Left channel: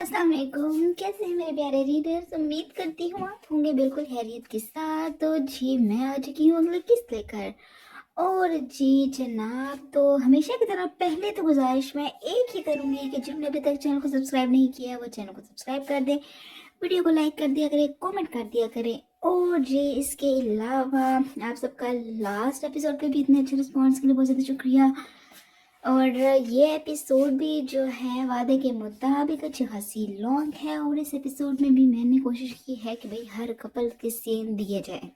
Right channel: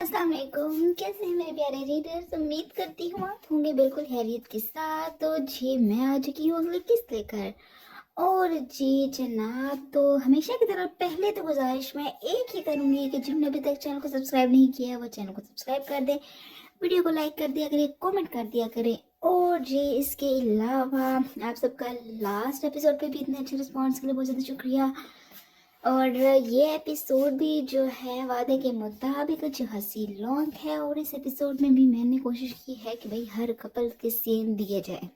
अस्सलाम वालेकुम। कैसे हैं मेरे प्यारे रीडर्स? उम्मीद करती हूँ आप होंगे बिल्कुल खैरियत के साथ। तो जी मैं आ चुकी हूँ अगले किस्त लेकर। और जी जनाब, तो हमेशा की तरह पहले तो गुजारिश मैं एक ही करूँगी कि जिन्होंने अभी तक चैनल को सब्सक्राइब नहीं किया है वो चैनल को सब्सक्राइब कर दें, वीडियो को लाइक कर दिया करें, कमेंट कर दिया करें। और जी इसके अलावा आप सबका लास्ट एपिसोड पे भी इतने अच्छे रिस्पॉन्स के लिए बहुत ज़्यादा शुक्रिया। और ये एपिसोड भी जो है वादे के मुताबिक अच्छी खासी लॉन्ग है, और इस एपिसोड में भी मैंने कोशिश की है कि भाई हर कपल के सीन दिए जाए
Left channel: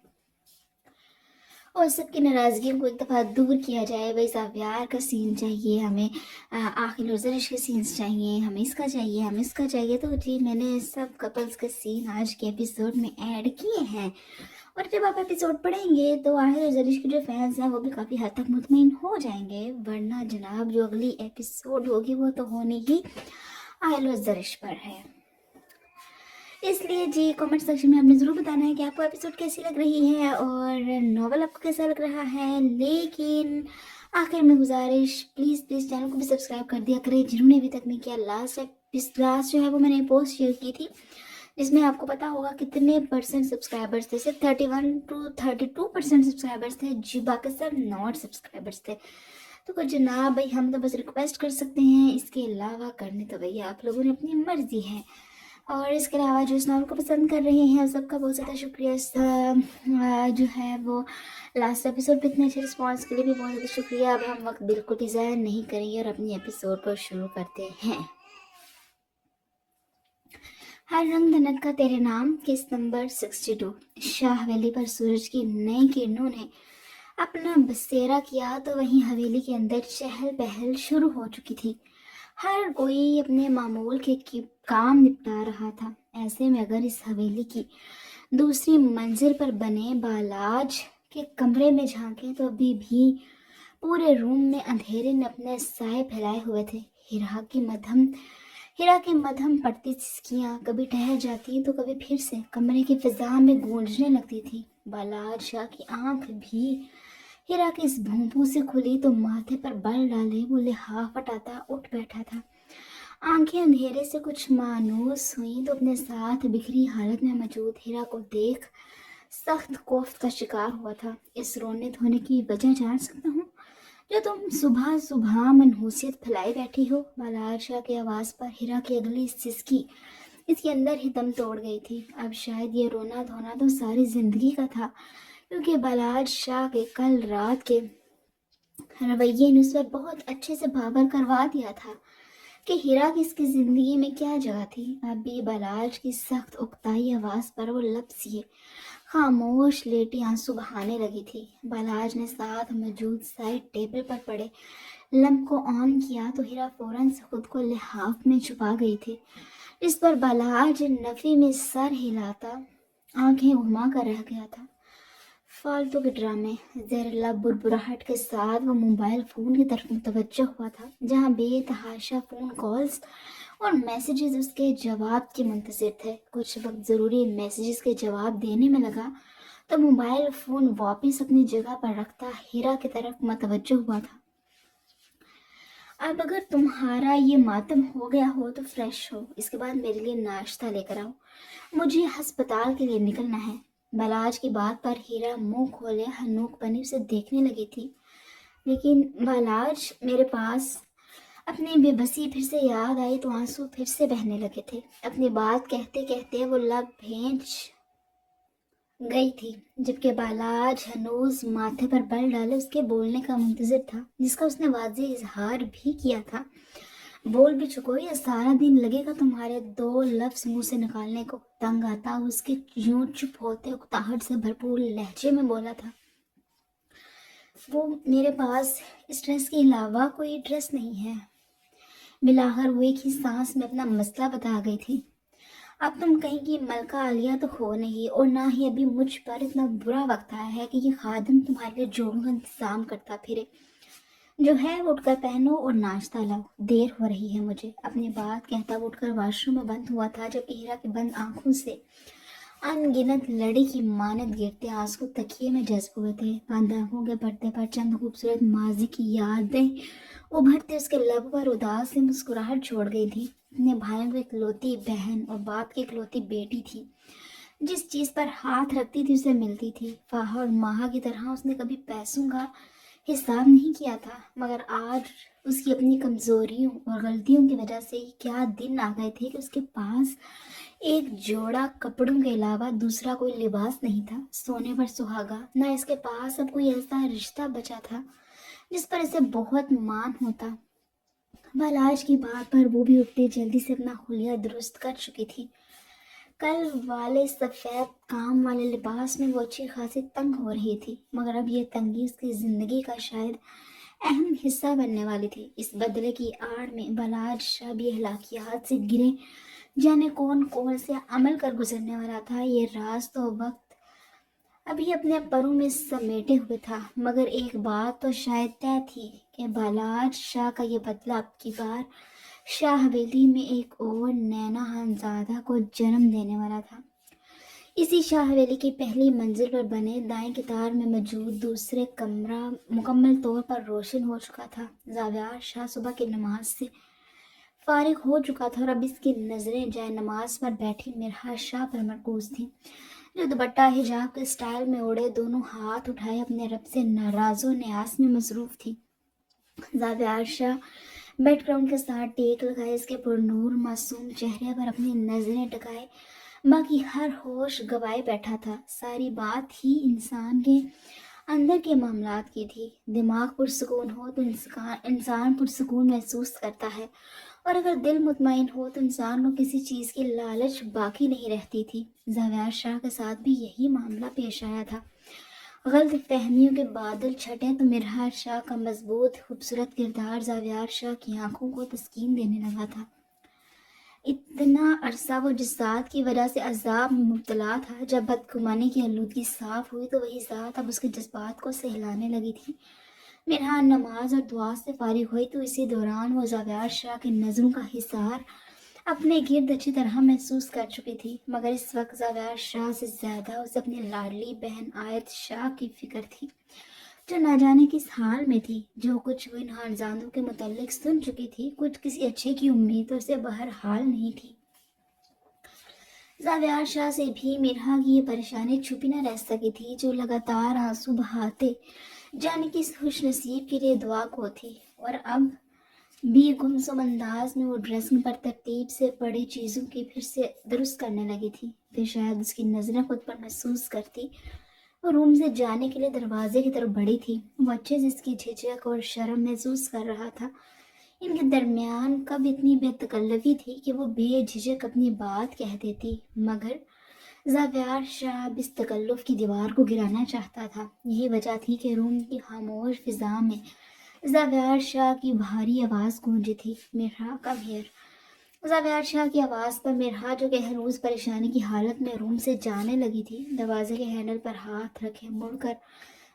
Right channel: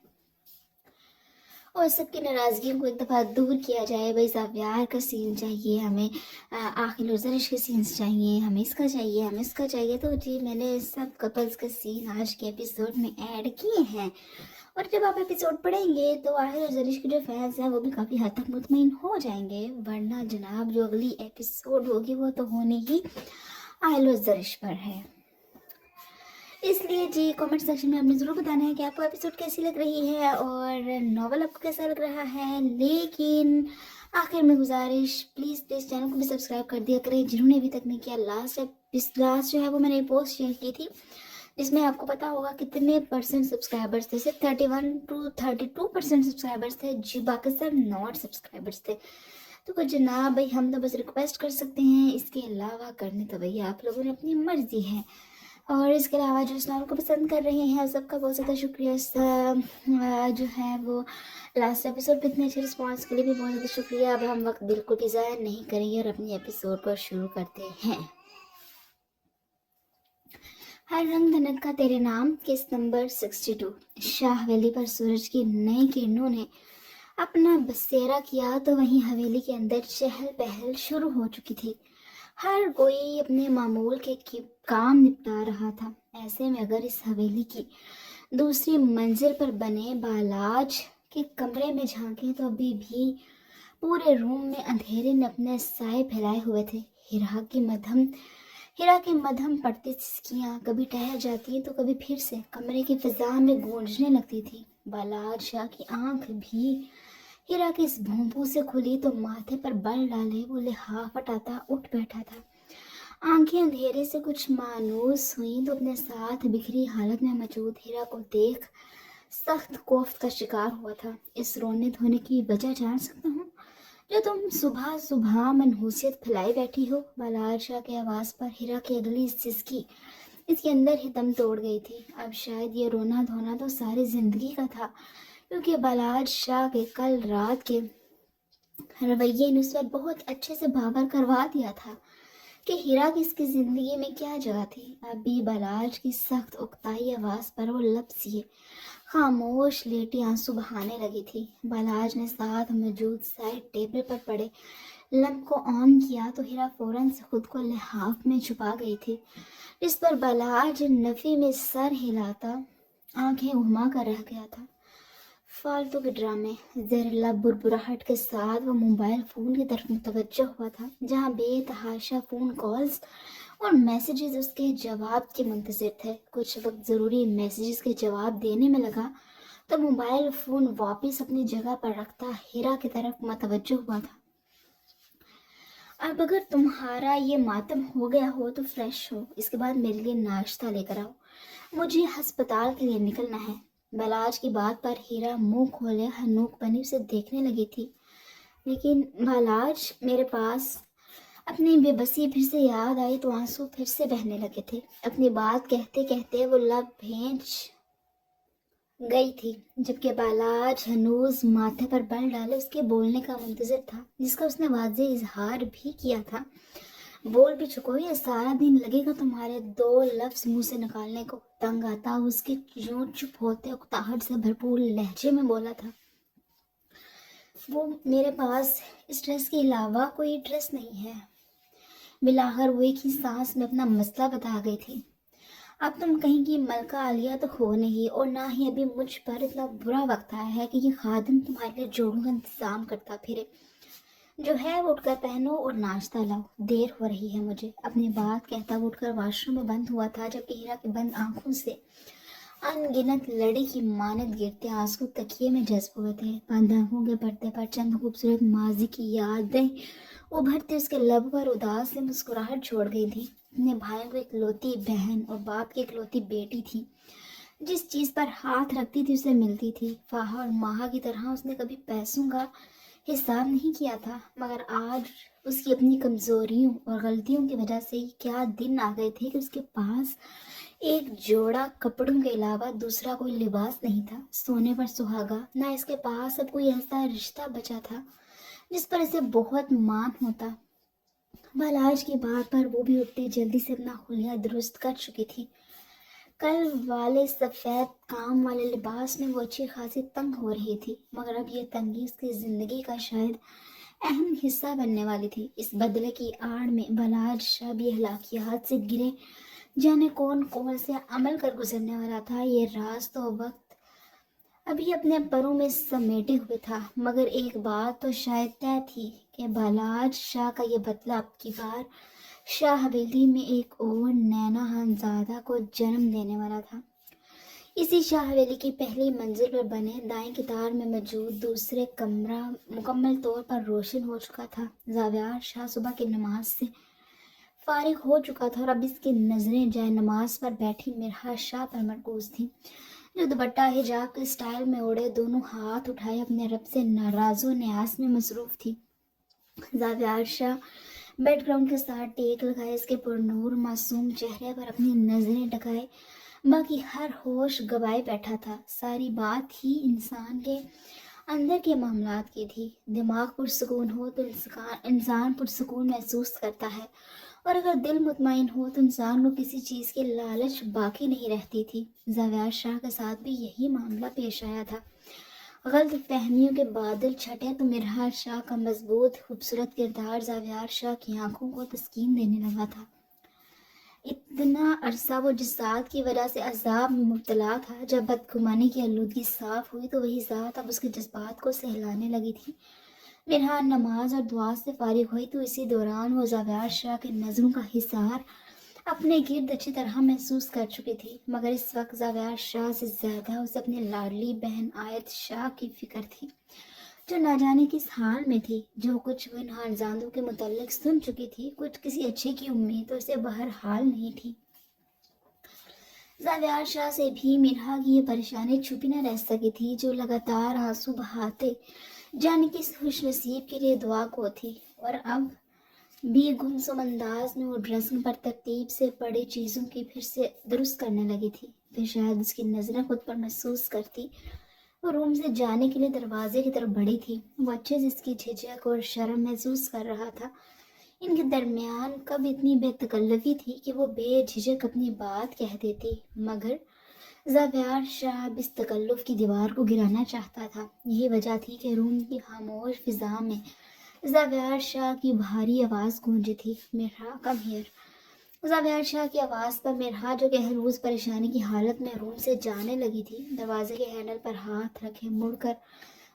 और सबकी नाराज़गी को एक दफ़ा दूर किया जाए। भाई साहब प्यार का सीन चाहिए हमें, आखिर और ज़रिश के सीन्स चाहिए, हमें इसका चाहिए, हमें इसका चाहिए। तो जी मैंने सब कपल्स का सीन आज के एपिसोड में ऐड किए हैं। और जब आप एपिसोड पढ़ेंगे तो आहिर और जरीश के जो फैंस हैं वो भी काफ़ी हद तक मुतमईन हो जाएंगे, वरना जनाब जो अगली एपिसोड होगी वो तो होनी ही आहिल और जरीश पर है। इसलिए जी कमेंट सेक्शन में आपने ज़रूर बताना है कि आपको एपिसोड कैसी लग रही है और नॉवल आपको कैसा लग रहा है। लेकिन आखिर में गुजारिश, प्लीज़ प्लीज़ चैनल को भी सब्सक्राइब कर दिया करें जिन्होंने अभी तक नहीं किया। लास्ट जो है वो मैंने पोस्ट शेयर की थी जिसमें आपको पता होगा कितने परसेंट सब्सक्राइबर्स थे। सिर्फ 31 to 32% सब्सक्राइबर्स थे जी, बाकी सब नॉट सब्सक्राइबर्स थे। तो जनाब भाई हम तो बस रिक्वेस्ट कर सकते हैं, इसके अलावा करने तो भैया आप लोगों ने अपनी मर्जी है। और इसके अलावा जो इस नाम को पसंद कर रहे हैं सबका बहुत ज़्यादा शुक्रिया। जो है वो लास्ट एपिसोड पे इतने अच्छे रिस्पॉन्स के लिए भी बहुत ज़्यादा शुक्रिया। अब हम वक्त बिल्कुल भी ज़ाया नहीं करेंगे और अपनी एपिसोड को शुरू करते हैं। हर रंग धनक का तेरे नाम किस्त नंबर 62। शाह हवेली पर सूरज की नई किरणों ने अपना बसेरा किया तो वहीं हवेली के अंदर चहल पहल शुरू हो चुकी थी। हर कोई अपने मामूल के काम निपटा रहा था। ऐसे में अगर इस हवेली की दूसरी मंजिल पर बने बालाज के कमरे में झांके तो अभी भी पूरे रूम में अंधेरे ने अपने साए फैलाए हुए थे। हीरा की मध्यम पड़ती सिसकियां कभी ठहर जाती तो कभी फिर से कमरे की फिजा में गूंजने लगती थी। बालाज शाह की आंख भी हीरा की इस भूंपू से खुली तो माथे पर बल डाले वो लिहाफ हटाता उठ बैठा था। आंखें अंधेरे से कुछ मायूस हुई तो अपने साथ बिखरी हालत में मौजूद हीरा को देख सख्त खौफ का शिकार हुआ था। इस रोने धोने की वजह जान सकता हूँ जो तुम सुबह सुबह मनहूसियत फैलाई बैठी हो? बालार शाह की आवाज़ पर हीरा की अगली सिसकी इसके अंदर ही दम तोड़ गई थी। अब शायद ये रोना धोना तो सारी जिंदगी का था, क्योंकि बालार शाह के कल रात के रवैये ने उस पर बहुत अच्छे से बावर करवा दिया था कि हीरा की इसकी जिंदगी में क्या जगह थी। अभी बालाज की सख्त उकताई आवाज़ पर वो लपसिए खामोश लेटी आंसू बहाने लगी थी। बालाज ने साथ मौजूद साइड टेबल पर पड़े लैंप को ऑन किया तो हीरा फौरन से खुद को लिहाफ में छुपा गई थी। इस पर बालाज नफी में सर हिलाता आंखें घुमा कर रह गया था। फालतू के ड्रामे, जहरीला बुरबुराहट के साथ वो मोबाइल फ़ोन की तरफ मुतवज्जो हुआ था, जहाँ बेतहाशा फ़ोन कॉल्स और मैसेजेस उसके जवाब के मुंतज़िर थे। कुछ वक्त ज़रूरी मैसेजेस के जवाब देने में लगा तो मोबाइल फ़ोन वापस अपनी जगह पर रखता हीरा की तरफ मुतवज्जो हुआ था। अब अगर तुम्हारा ये मातम हो गया हो तो फ्रेश हो, इसके बाद मेरे लिए नाश्ता लेकर आओ, मुझे अस्पताल के लिए निकलना है। बालाज की बात पर हीरा मुंह खोले हनूक बने उसे देखने लगी थी। लेकिन बालाज मेरे पास, अपनी बेबसी फिर से याद आई तो आंसू फिर से बहने लगे थे। अपनी बात कहते कहते वो लब भेंच गई थी, जबकि बालाज हनूज माथे पर बल डाले उसके बोलने का मुंतजर था, जिसका उसने वाज़े इजहार भी किया था। बोल भी चुको, ये सारा दिन लगेगा तुम्हारे दो लफ्ज मुंह से निकालने को। तंग आता उसके यूं चुप होते उकताहट से भरपूर लहजे में बोला था, वो मेरे पास इस ड्रेस के अलावा कोई ड्रेस नहीं है। मिलाकर वो एक ही सांस में अपना मसला बता गई थी। अब तुम कहीं की मलका आलिया तो हो नहीं, और ना ही अभी मुझ पर इतना बुरा वक्त आया है कि ये खादिम तुम्हारे लिए जोड़ों का इंतजाम करता फिरे। जो है वो उठकर पहनो और नाश्ता लाओ, देर हो रही है मुझे। अपनी बात कहता वो उठकर वॉशरूम में बंद हुआ था, जबकि हीरा की बंद आंखों से अनगिनत लड़ी की मानद गिरते आंसू तकिए में जज्ब हुए थे। बंद आंखों के पर्दे पर चंद खूबसूरत माजी की यादें उभरते उसके लब पर उदास से मुस्कुराहट छोड़ गई थी। اپنے بھائیوں کو اکلوتی بہن اور باپ کی اکلوتی بیٹی تھی، جس چیز پر ہاتھ رکھتی تھی اسے ملتی تھی۔ فاہا اور ماہا کی طرح اس نے کبھی پیسوں کا حساب نہیں کیا تھا، مگر آج اس کی اپنی کمزوریوں اور غلطیوں کی وجہ سے کیا دن آ گئے تھے کہ اس کے پاس ایک جوڑا کپڑوں کے علاوہ دوسرا کوئی لباس نہیں تھا، سونے پر سہاگا۔ نہ اس کے پاس اب کوئی ایسا رشتہ بچا تھا جس پر اسے بہت مان ہوتا۔ بل آج کی بات پر وہ بھی اتنی جلدی سے اپنا خلیہ درست کر چکی تھی۔ کل والے سفید کام والے لباس میں وہ اچھی خاصی تنگ ہو رہی تھی، مگر اب یہ تنگی اس کی زندگی کا شاید اہم حصہ بننے والی تھی۔ اس بدلے کی آڑ میں بلاج شب یہ ہلاکیات سے گرے جانے کون سے عمل کر گزرنے والا تھا، یہ راز تو وقت ابھی اپنے پروں میں سمیٹے ہوئے تھا۔ مگر ایک بات تو شاید طے تھی کہ بلاج شاہ کا یہ بدلہ اب کی بار شاہ حویلی میں ایک اور نینا ہنزادہ کو جنم دینے والا تھا۔ اسی شاہ حویلی کی پہلی منزل پر بنے دائیں کتار میں موجود دوسرے کمرہ مکمل طور پر روشن ہو چکا تھا۔ زاویار شاہ صبح کی نماز سے فارغ ہو چکا تھا اور اب اس کی نظریں جائے نماز پر بیٹھی مرحا شاہ پر مرکوز تھیں، جو دوپٹہ حجاب کے اسٹائل میں اڑے دونوں ہاتھ اٹھائے اپنے رب سے ناراض و نیاز میں مصروف تھی۔ زاویار شاہ بیک گراؤنڈ کے ساتھ ٹیک لگائے اس کے پرنور معصوم چہرے پر اپنی نظریں ٹکائے باقی ہر ہوش گوائے بیٹھا تھا۔ ساری بات ہی انسان کے اندر کے معاملات کی تھی۔ دماغ پرسکون ہو تو انسان پرسکون محسوس کرتا ہے، اور اگر دل مطمئن ہو تو انسان کو کسی چیز کی لالچ باقی نہیں رہتی تھی۔ زاویار شاہ کے ساتھ بھی یہی معاملہ پیش آیا تھا۔ غلط فہمیوں کے بادل چھٹے تو مرحا شاہ کا مضبوط خوبصورت کردار زاویار شاہ کی آنکھوں کو تسکین دینے لگا تھا۔ اتنا عرصہ وہ جس ذات کی وجہ سے عذاب میں مبتلا تھا، جب بدگمانی کی آلودگی صاف ہوئی تو وہی ذات اب اس کے جذبات کو سہلانے لگی تھی۔ مرحا نماز اور دعا سے فارغ ہوئی تو اسی دوران وہ زاویار شاہ کے نظروں کا حصار اپنے گرد اچھی طرح محسوس کر چکی تھی، مگر اس وقت زاویار شاہ سے زیادہ اسے اپنی لاڈلی بہن آیت شاہ کی فکر تھی، جو نہ جانے کس حال میں تھی۔ جو کچھ وہ ان خانزادوں کے متعلق سن چکی تھی، کچھ کسی اچھے کی امید تو اسے بہرحال نہیں تھی۔ زاویار شاہ سے بھی مرحا کی یہ پریشانی چھپی نہ رہ سکی تھی، جو لگاتار آنسو بہاتے جانے کی اس خوش نصیب کے لیے دعا کو تھی، اور اب بھی گمسم انداز میں وہ ڈریسنگ پر ترتیب سے پڑی چیزوں کی پھر سے درست کرنے لگی تھی۔ پھر شاید اس کی نظریں خود پر محسوس کرتی وہ روم سے جانے کے لیے دروازے کی طرف بڑھی تھی۔ وہ اچھے سے اس کی جھجک اور شرم محسوس کر رہا تھا۔ ان کے درمیان کب اتنی بے تکلفی تھی کہ وہ بے جھجک اپنی بات کہہ دیتی، مگر زاویار شاہ اب اس تکلف کی دیوار کو گرانا چاہتا تھا۔ یہی وجہ تھی کہ روم کی خاموش فضا میں زاویار شاہ کی بھاری آواز گونجی تھی، مرحا کم ہیئر۔ زاویار شاہ کی آواز پر مرحا، جو کہ ہنوز پریشانی کی حالت میں روم سے جانے لگی تھی، دروازے کے ہینڈل پر ہاتھ رکھے مڑ کر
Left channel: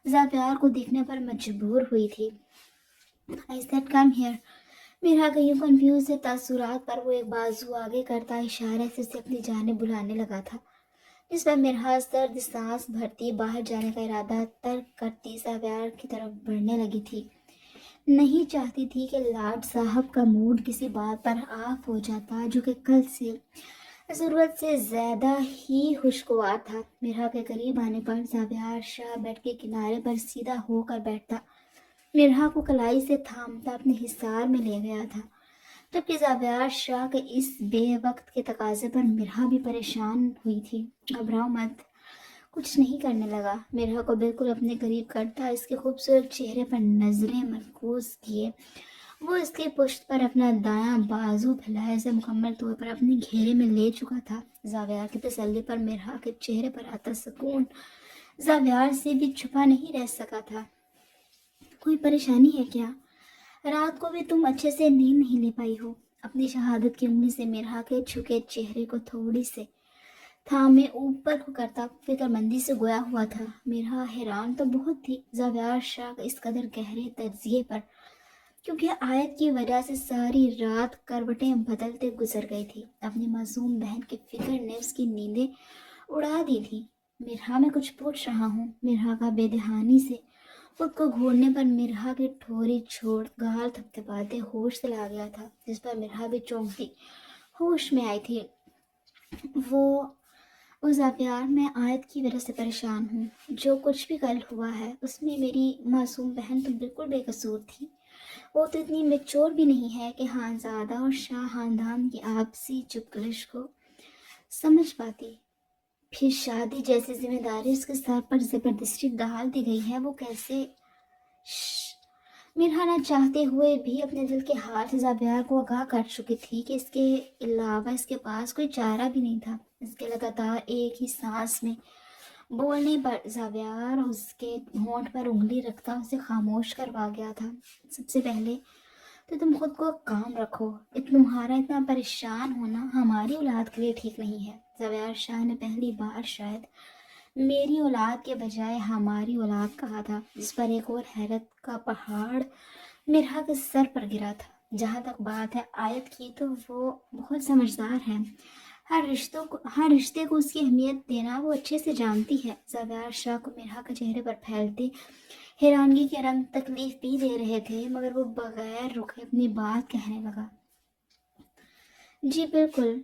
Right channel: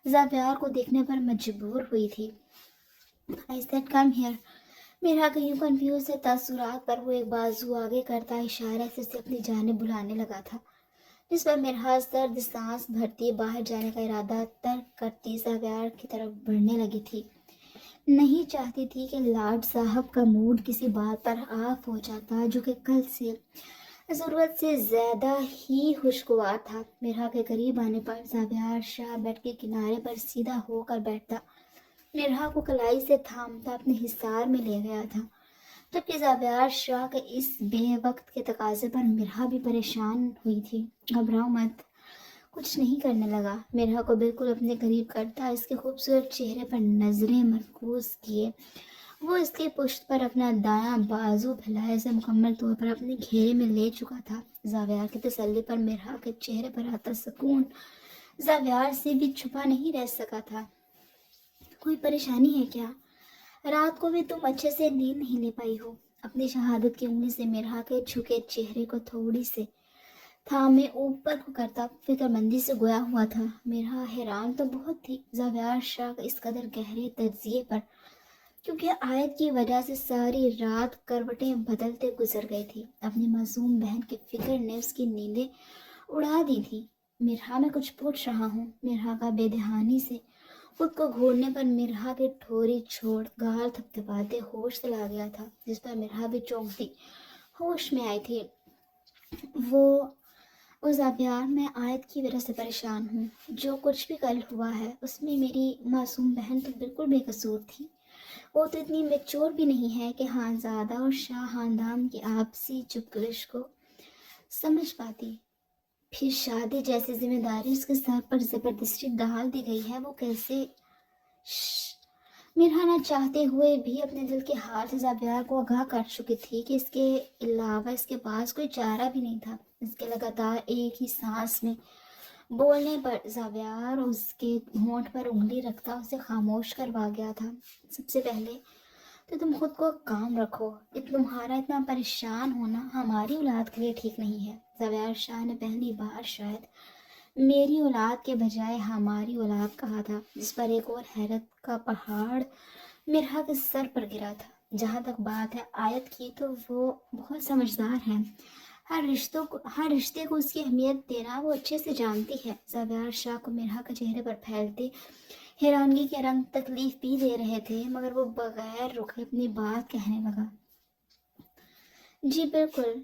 زاویار کو دیکھنے پر مجبور ہوئی تھی۔ I said come here۔ مرحا کا یوں کنفیوز سے تاثرات پر وہ ایک بازو آگے کرتا اشارے سے اسے اپنی جانب بلانے لگا تھا، جس پر مرحا سرد سانس بھرتی باہر جانے کا ارادہ ترک کرتی زاویار کی طرف بڑھنے لگی تھی۔ نہیں چاہتی تھی کہ لاڈ صاحب کا موڈ کسی بات پر آف ہو جاتا، جو کہ کل سے ضرورت سے زیادہ ہی خوشگوار تھا۔ مرحا کے قریب آنے پر زاویار شاہ بیڈ کے کنارے پر سیدھا ہو کر بیٹھتا، مرحا کو کلائی سے تھامتا اپنے حصار میں لے گیا تھا، جبکہ زاویار شاہ کے اس بے وقت کے تقاضے پر مرحا بھی پریشان ہوئی تھی۔ گھبراؤ مت، کچھ نہیں کرنے لگا۔ مرحا کو بالکل اپنے قریب کرتا اس کے خوبصورت چہرے پر نظریں مرکوز کیے وہ اس کی پشت پر اپنا دایاں بازو پھیلائے اسے مکمل طور پر اپنے گھیرے میں لے چکا تھا۔ زاویار کی تسلی پر مرحا کے چہرے پر آتا سکون زاویار سے بھی چھپا نہیں رہ سکا تھا۔ کوئی پریشانی ہے کیا؟ رات کو بھی تم اچھے سے نیند نہیں لے پائی ہو؟ اپنی شہادت کی انگلی سے مرحا کے جھکے چہرے کو تھوڑی سے تھامے اوپر کو کرتا فکر مندی سے گویا ہوا تھا۔ مرحا حیران تو بہت تھی زاویار شاہ کا اس قدر گہرے تجزیے پر، کیونکہ آیت کی وجہ سے ساری رات کروٹیں بدلتے گزر گئی تھی۔ اپنی معصوم بہن کی فکر نے اس کی نیندیں اڑا دی تھی۔ مرحا میں کچھ پوچھ رہا ہوں۔ مرحا کا بے دہانی سے خود کو گھورنے پر مرحا کی ٹھوری چھوڑ گال تھپتھپاتے ہوش چلا گیا تھا، جس پر مرحا بھی چونکتی ہوش میں آئی تھی۔ وہ اس ابیار میں آیت کی وجہ سے پریشان ہوں۔ جو کچھ بھی کل ہوا ہے اس میں میری معصوم بہن تو بالکل بے قصور تھی۔ وہ تو اتنی میچور بھی نہیں ہے کہ خانزادہ اور شاہ خاندان کی آپسی چپکلش کو سمجھ پاتی۔ پھر شادی جیسی ذمہ داری اس کے سر پر زبردستی ڈال دی گئی ہے۔ وہ کیسے میرا نہ چاہتے ہوئے بھی اپنے دل کے ہاتھ زابیار کو آگاہ کر چکی تھی کہ اس کے علاوہ اس کے پاس کوئی چارہ بھی نہیں تھا۔ اس کے لگاتار ایک ہی سانس میں بولنے پر زابیار اس کے ہونٹ پر انگلی رکھتا اسے خاموش کروا گیا تھا۔ سب سے پہلے تو تم خود کو کام رکھو۔ تمہارا اتنا پریشان ہونا ہماری اولاد کے لیے ٹھیک نہیں ہے۔ زابیار شاہ نے پہلی بار شاید میری اولاد کے بجائے ہماری اولاد کہا تھا، جس پر ایک اور حیرت کا پہاڑ مرحا کے سر پر گرا تھا۔ جہاں تک بات ہے آیت کی تو وہ بہت سمجھدار ہے۔ ہر رشتے کو اس کی اہمیت دینا وہ اچھے سے جانتی ہے۔ زابیار شاہ کو مرحا کے چہرے پر پھیلتے حیرانگی کے رنگ تکلیف بھی دے رہے تھے، مگر وہ بغیر رکے اپنی بات کہنے لگا۔ جی بالکل،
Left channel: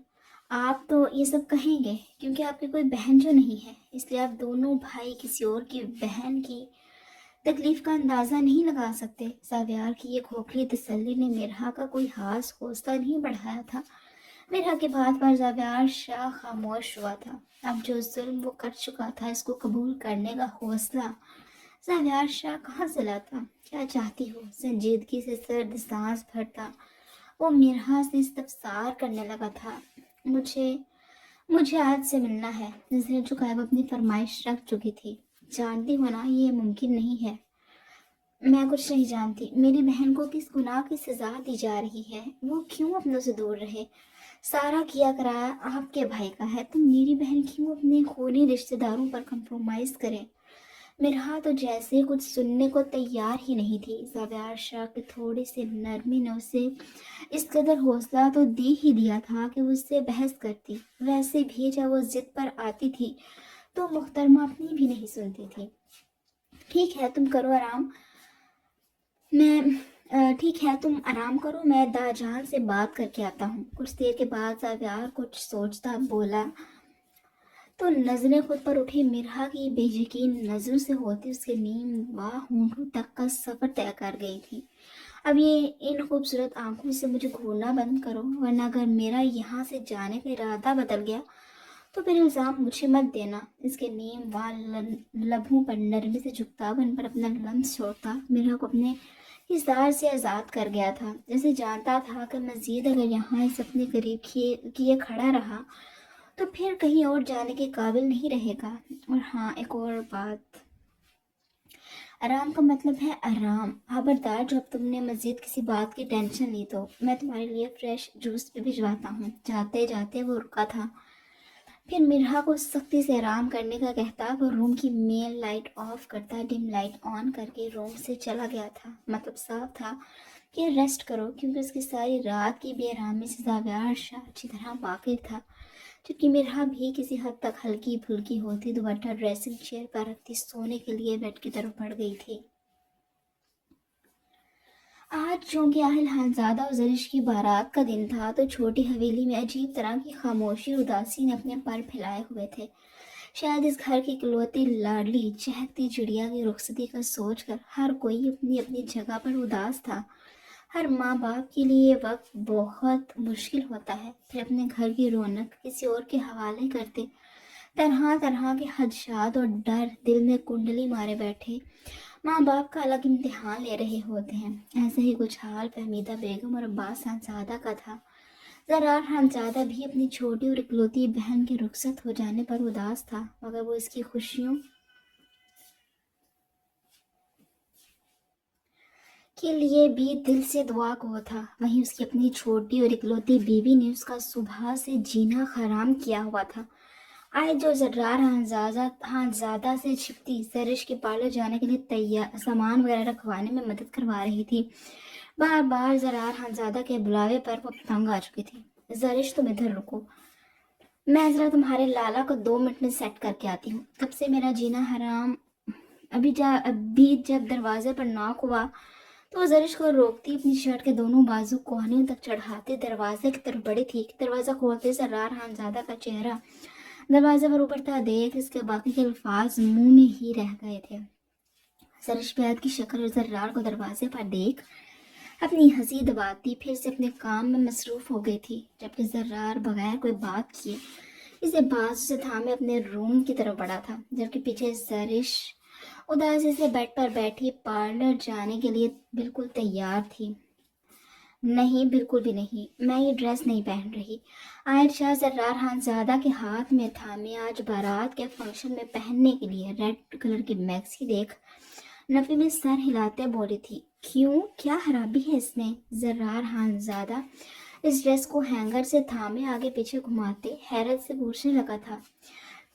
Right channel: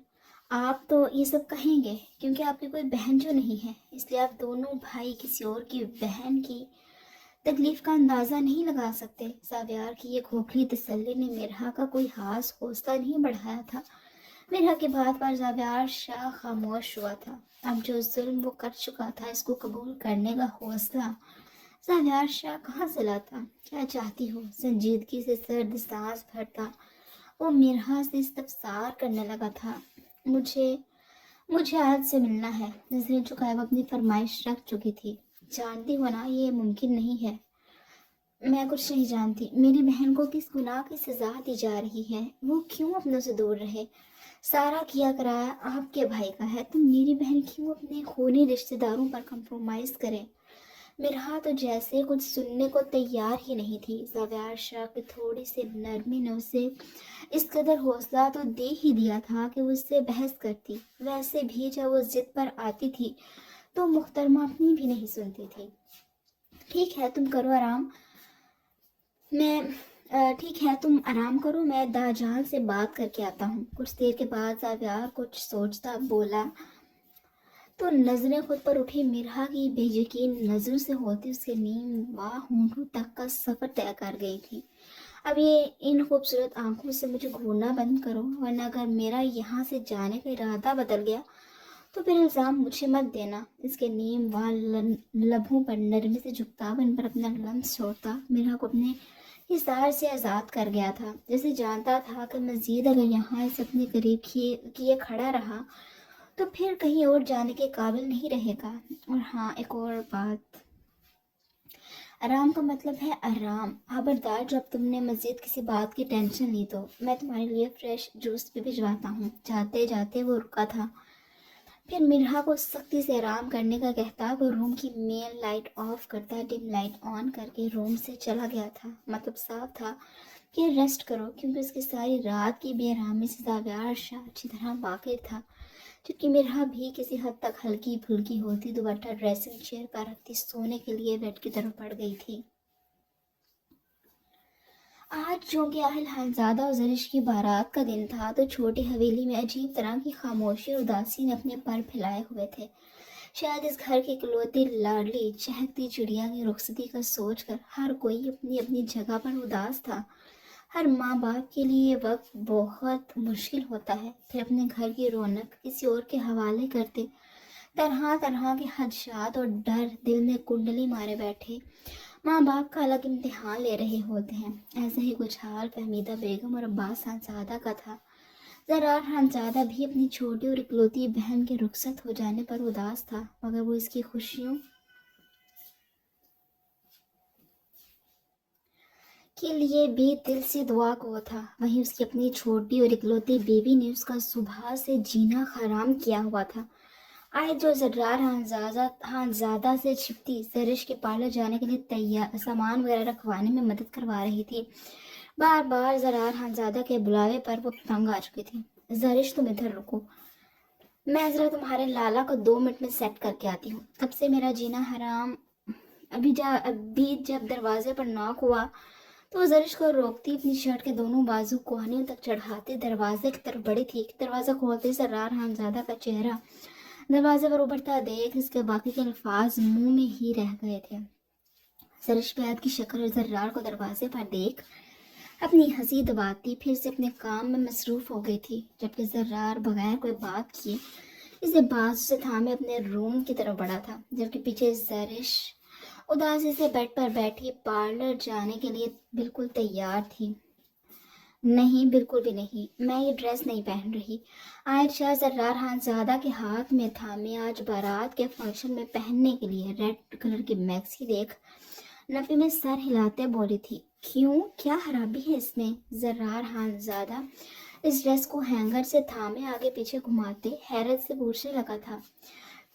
آپ تو یہ سب کہیں گے کیونکہ آپ کی کوئی بہن جو نہیں ہے، اس لیے آپ دونوں بھائی کسی اور کی بہن کی تکلیف کا اندازہ نہیں لگا سکتے۔ زابیار کی یہ کھوکھلی تسلی نے مرحا کا کوئی خاص حوصلہ نہیں بڑھایا تھا۔ مرحا کی بات پر زابیار شاہ خاموش ہوا تھا۔ اب جو ظلم وہ کر چکا تھا اس کو قبول کرنے کا حوصلہ زابیار شاہ کہاں سے لاتا؟ کیا چاہتی ہو؟ سنجیدگی سے سرد سانس بھرتا وہ مرحا سے استفسار کرنے لگا تھا۔ مجھے آج سے ملنا ہے۔ نظریں جھکائے وہ اپنی فرمائش رکھ چکی تھی۔ جانتی ہو نا یہ ممکن نہیں ہے۔ میں کچھ نہیں جانتی۔ میری بہن کو کس گناہ کی سزا دی جا رہی ہے؟ وہ کیوں اپنوں سے دور رہے؟ سارا کیا کرایا آپ کے بھائی کا ہے تو میری بہن کیوں اپنے خونی رشتہ داروں پر کمپرومائز کرے؟ مرحا تو جیسے کچھ سننے کو تیار ہی نہیں تھی۔ زابیار شاہ کی تھوڑی سی نرمی نے اسے اس قدر حوصلہ تو دے ہی دیا تھا کہ وہ اس سے بحث کرتی۔ ویسے بھی جب وہ ضد پر آتی تھی تو محترمہ اپنی بھی نہیں سنتی تھی۔ ٹھیک ہے تم آرام کرو، میں دا جان سے بات کر کے آتا ہوں۔ کچھ دیر کے بعد زابیار کچھ سوچتا بولا تو نظریں خود پر اٹھی مرحا کی بے یقین نظروں سے ہوتی اس کے نیم واہ ہونٹوں تک کا سفر طے کر گئی تھی۔ اب یہ ان خوبصورت آنکھوں سے مجھے گھورنا بند کرو، ورنہ اگر میرا یہاں سے جانے کا ارادہ بدل گیا تو پھر الزام مجھے مت دینا۔ اس کے نیم واہ لبوں پر نرمی سے جھکتا ان پر اپنا لمس چھوڑتا مرحا کو اپنے حصار سے آزاد کر گیا تھا۔ اسے جانتا تھا کہ مزید اگر یہاں اس اپنے قریب کیے کھڑا رہا تو پھر کہیں اور جانے کے قابل نہیں رہے گا۔ اور ہاں ایک اور بات، آرام کا مطلب ہے آرام۔ خبردار جب تم نے مزید کسی بات کی ٹینشن لی تو میں تمہارے لیے فریش جوس بھی بھجواتا ہوں۔ جاتے جاتے وہ رکا تھا، پھر مرحا کو سختی سے آرام کرنے کا کہتا وہ روم کی مین لائٹ آف کرتا ڈم لائٹ آن کر کے روم سے چلا گیا تھا۔ مطلب صاف تھا کہ ریسٹ کرو، کیونکہ اس کی ساری رات کی بے آرامی سے زابیار شاہ اچھی طرح واقف تھا۔ جبکہ مرحا بھی کسی حد تک ہلکی پھلکی ہوتی دوپٹہ ڈریسنگ چیئر پر رکھتی سونے کے لیے بیڈ کی طرف بڑھ گئی تھی۔ آج چونکہ اہل خانزادہ اور زرش کی بارات کا دن تھا تو چھوٹی حویلی میں عجیب طرح کی خاموشی اور اداسی نے اپنے پر پھیلائے ہوئے تھے۔ شاید اس گھر کی اکلوتی لاڈلی چہکتی چڑیا کی رخصتی کا سوچ کر ہر کوئی اپنی اپنی جگہ پر اداس تھا۔ ہر ماں باپ کے لیے یہ وقت بہت مشکل ہوتا ہے، پھر اپنے گھر کی رونق کسی اور کے حوالے کرتے طرح طرح کے خدشات اور ڈر دل میں کنڈلی مارے بیٹھے ماں باپ کا الگ امتحان لے رہے ہوتے ہیں۔ ایسا ہی کچھ حال فہمیدہ بیگم اور عباس خانزادہ کا تھا۔ زرار خانزادہ بھی اپنی چھوٹی اور اکلوتی بہن کے رخصت ہو جانے پر اداس تھا، مگر وہ اس کی خوشیوں کے لیے بھی دل سے دعا گو تھا۔ وہیں اس کی اپنی چھوٹی اور اکلوتی بیوی نے اس کا صبح سے جینا حرام کیا ہوا تھا۔ آئے جو زرار خانزادہ سے چھپتی زرش کے پارلر جانے کے لیے سامان وغیرہ رکھوانے میں مدد کروا رہی تھی۔ بار بار زرار خانزادہ کے بلاوے پر وہ تنگ آ چکی تھی۔ زرش تم ادھر رکو، میں ذرا تمہارے لالا کو 2 منٹ میں سیٹ کر کے آتی ہوں۔ تب سے میرا جینا حرام۔ ابھی جب دروازے پر ناک ہوا تو وہ زرش کو روکتی اپنی شرٹ کے دونوں بازو کوہنیوں تک چڑھاتے دروازے کی طرف بڑھی تھی کہ دروازہ کھولتے سرار خانزادہ کا چہرہ دروازے پر ابھرتا دیکھ اس کے باقی کے الفاظ منہ میں ہی رہ گئے تھے۔ زرش بیعت کی شکل اور زرار کو دروازے پر دیکھ اپنی ہنسی دباتی پھر سے اپنے کام میں مصروف ہو گئی تھی، جبکہ زرار بغیر کوئی بات کیے اسے بازو سے تھامے اپنے روم کی طرف بڑھا تھا، جبکہ پیچھے زرش اداسی سے بیڈ پر بیٹھی پارلر جانے کے لیے بالکل تیار تھی۔ نہیں، بالکل بھی نہیں، میں یہ ڈریس نہیں پہن رہی۔ عائشہ زرار خانزادہ کے ہاتھ میں تھامے آج بارات کے فنکشن میں پہننے کے لیے ریڈ کلر کی میکسی دیکھ نفی میں سر ہلاتے بولی تھی۔ کیوں؟ کیا خرابی ہے اس میں؟ زرار خانزادہ اس ڈریس کو ہینگر سے تھامے آگے پیچھے گھماتے حیرت سے پوچھنے لگا تھا۔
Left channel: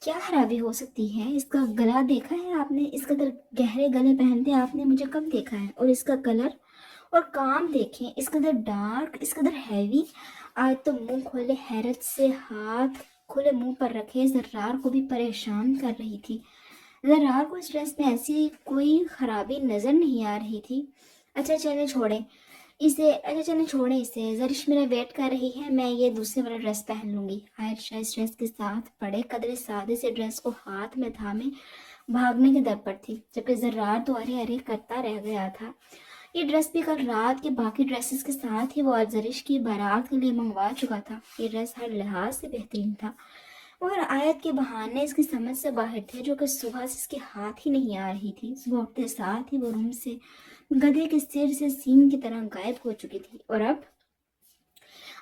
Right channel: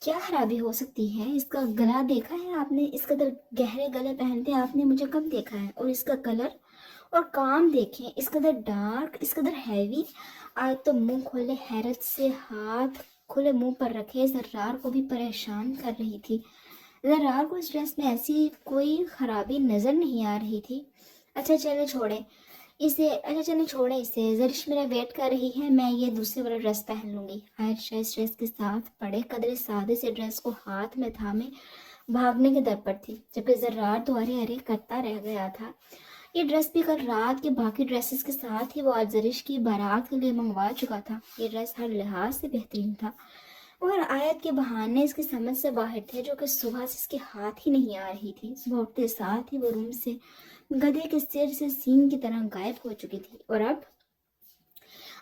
کیا خرابی ہو سکتی ہے؟ اس کا گلا دیکھا ہے آپ نے؟ اس قدر گہرے گلے پہنتے آپ نے مجھے کب دیکھا ہے؟ اور اس کا کلر اور کام دیکھیں، اس قدر ڈارک، اس قدر ہیوی۔ آج تو منہ کھولے حیرت سے ہاتھ کھلے منہ پر رکھے زرار کو بھی پریشان کر رہی تھی۔ زرار کو اس ڈریس میں ایسی کوئی خرابی نظر نہیں آ رہی تھی۔ اچھا چلیں چھوڑیں اسے، زرش میرا ویٹ کر رہی ہے، میں یہ دوسرے والا ڈریس پہن لوں گی۔ عائشہ اس ڈریس کے ساتھ پڑے قدر سادے سے ڈریس کو ہاتھ میں تھامے بھاگنے کے در پر تھی، جبکہ زرار تو ارے ارے کرتا رہ گیا تھا۔ یہ ڈریس بھی کل رات کے باقی ڈریسز کے ساتھ ہی وہ آج زرش کی بارات کے لیے منگوا چکا تھا۔ یہ ڈریس ہر لحاظ سے بہترین تھا، مگر آیت کے بہانے اس کی سمجھ سے باہر تھے، جو کہ صبح سے اس کے ہاتھ ہی نہیں آ رہی تھی۔ صبح اٹھتے ساتھ ہی وہ روم سے گدھے کے سر سے سینگ کی طرح غائب ہو چکی تھی، اور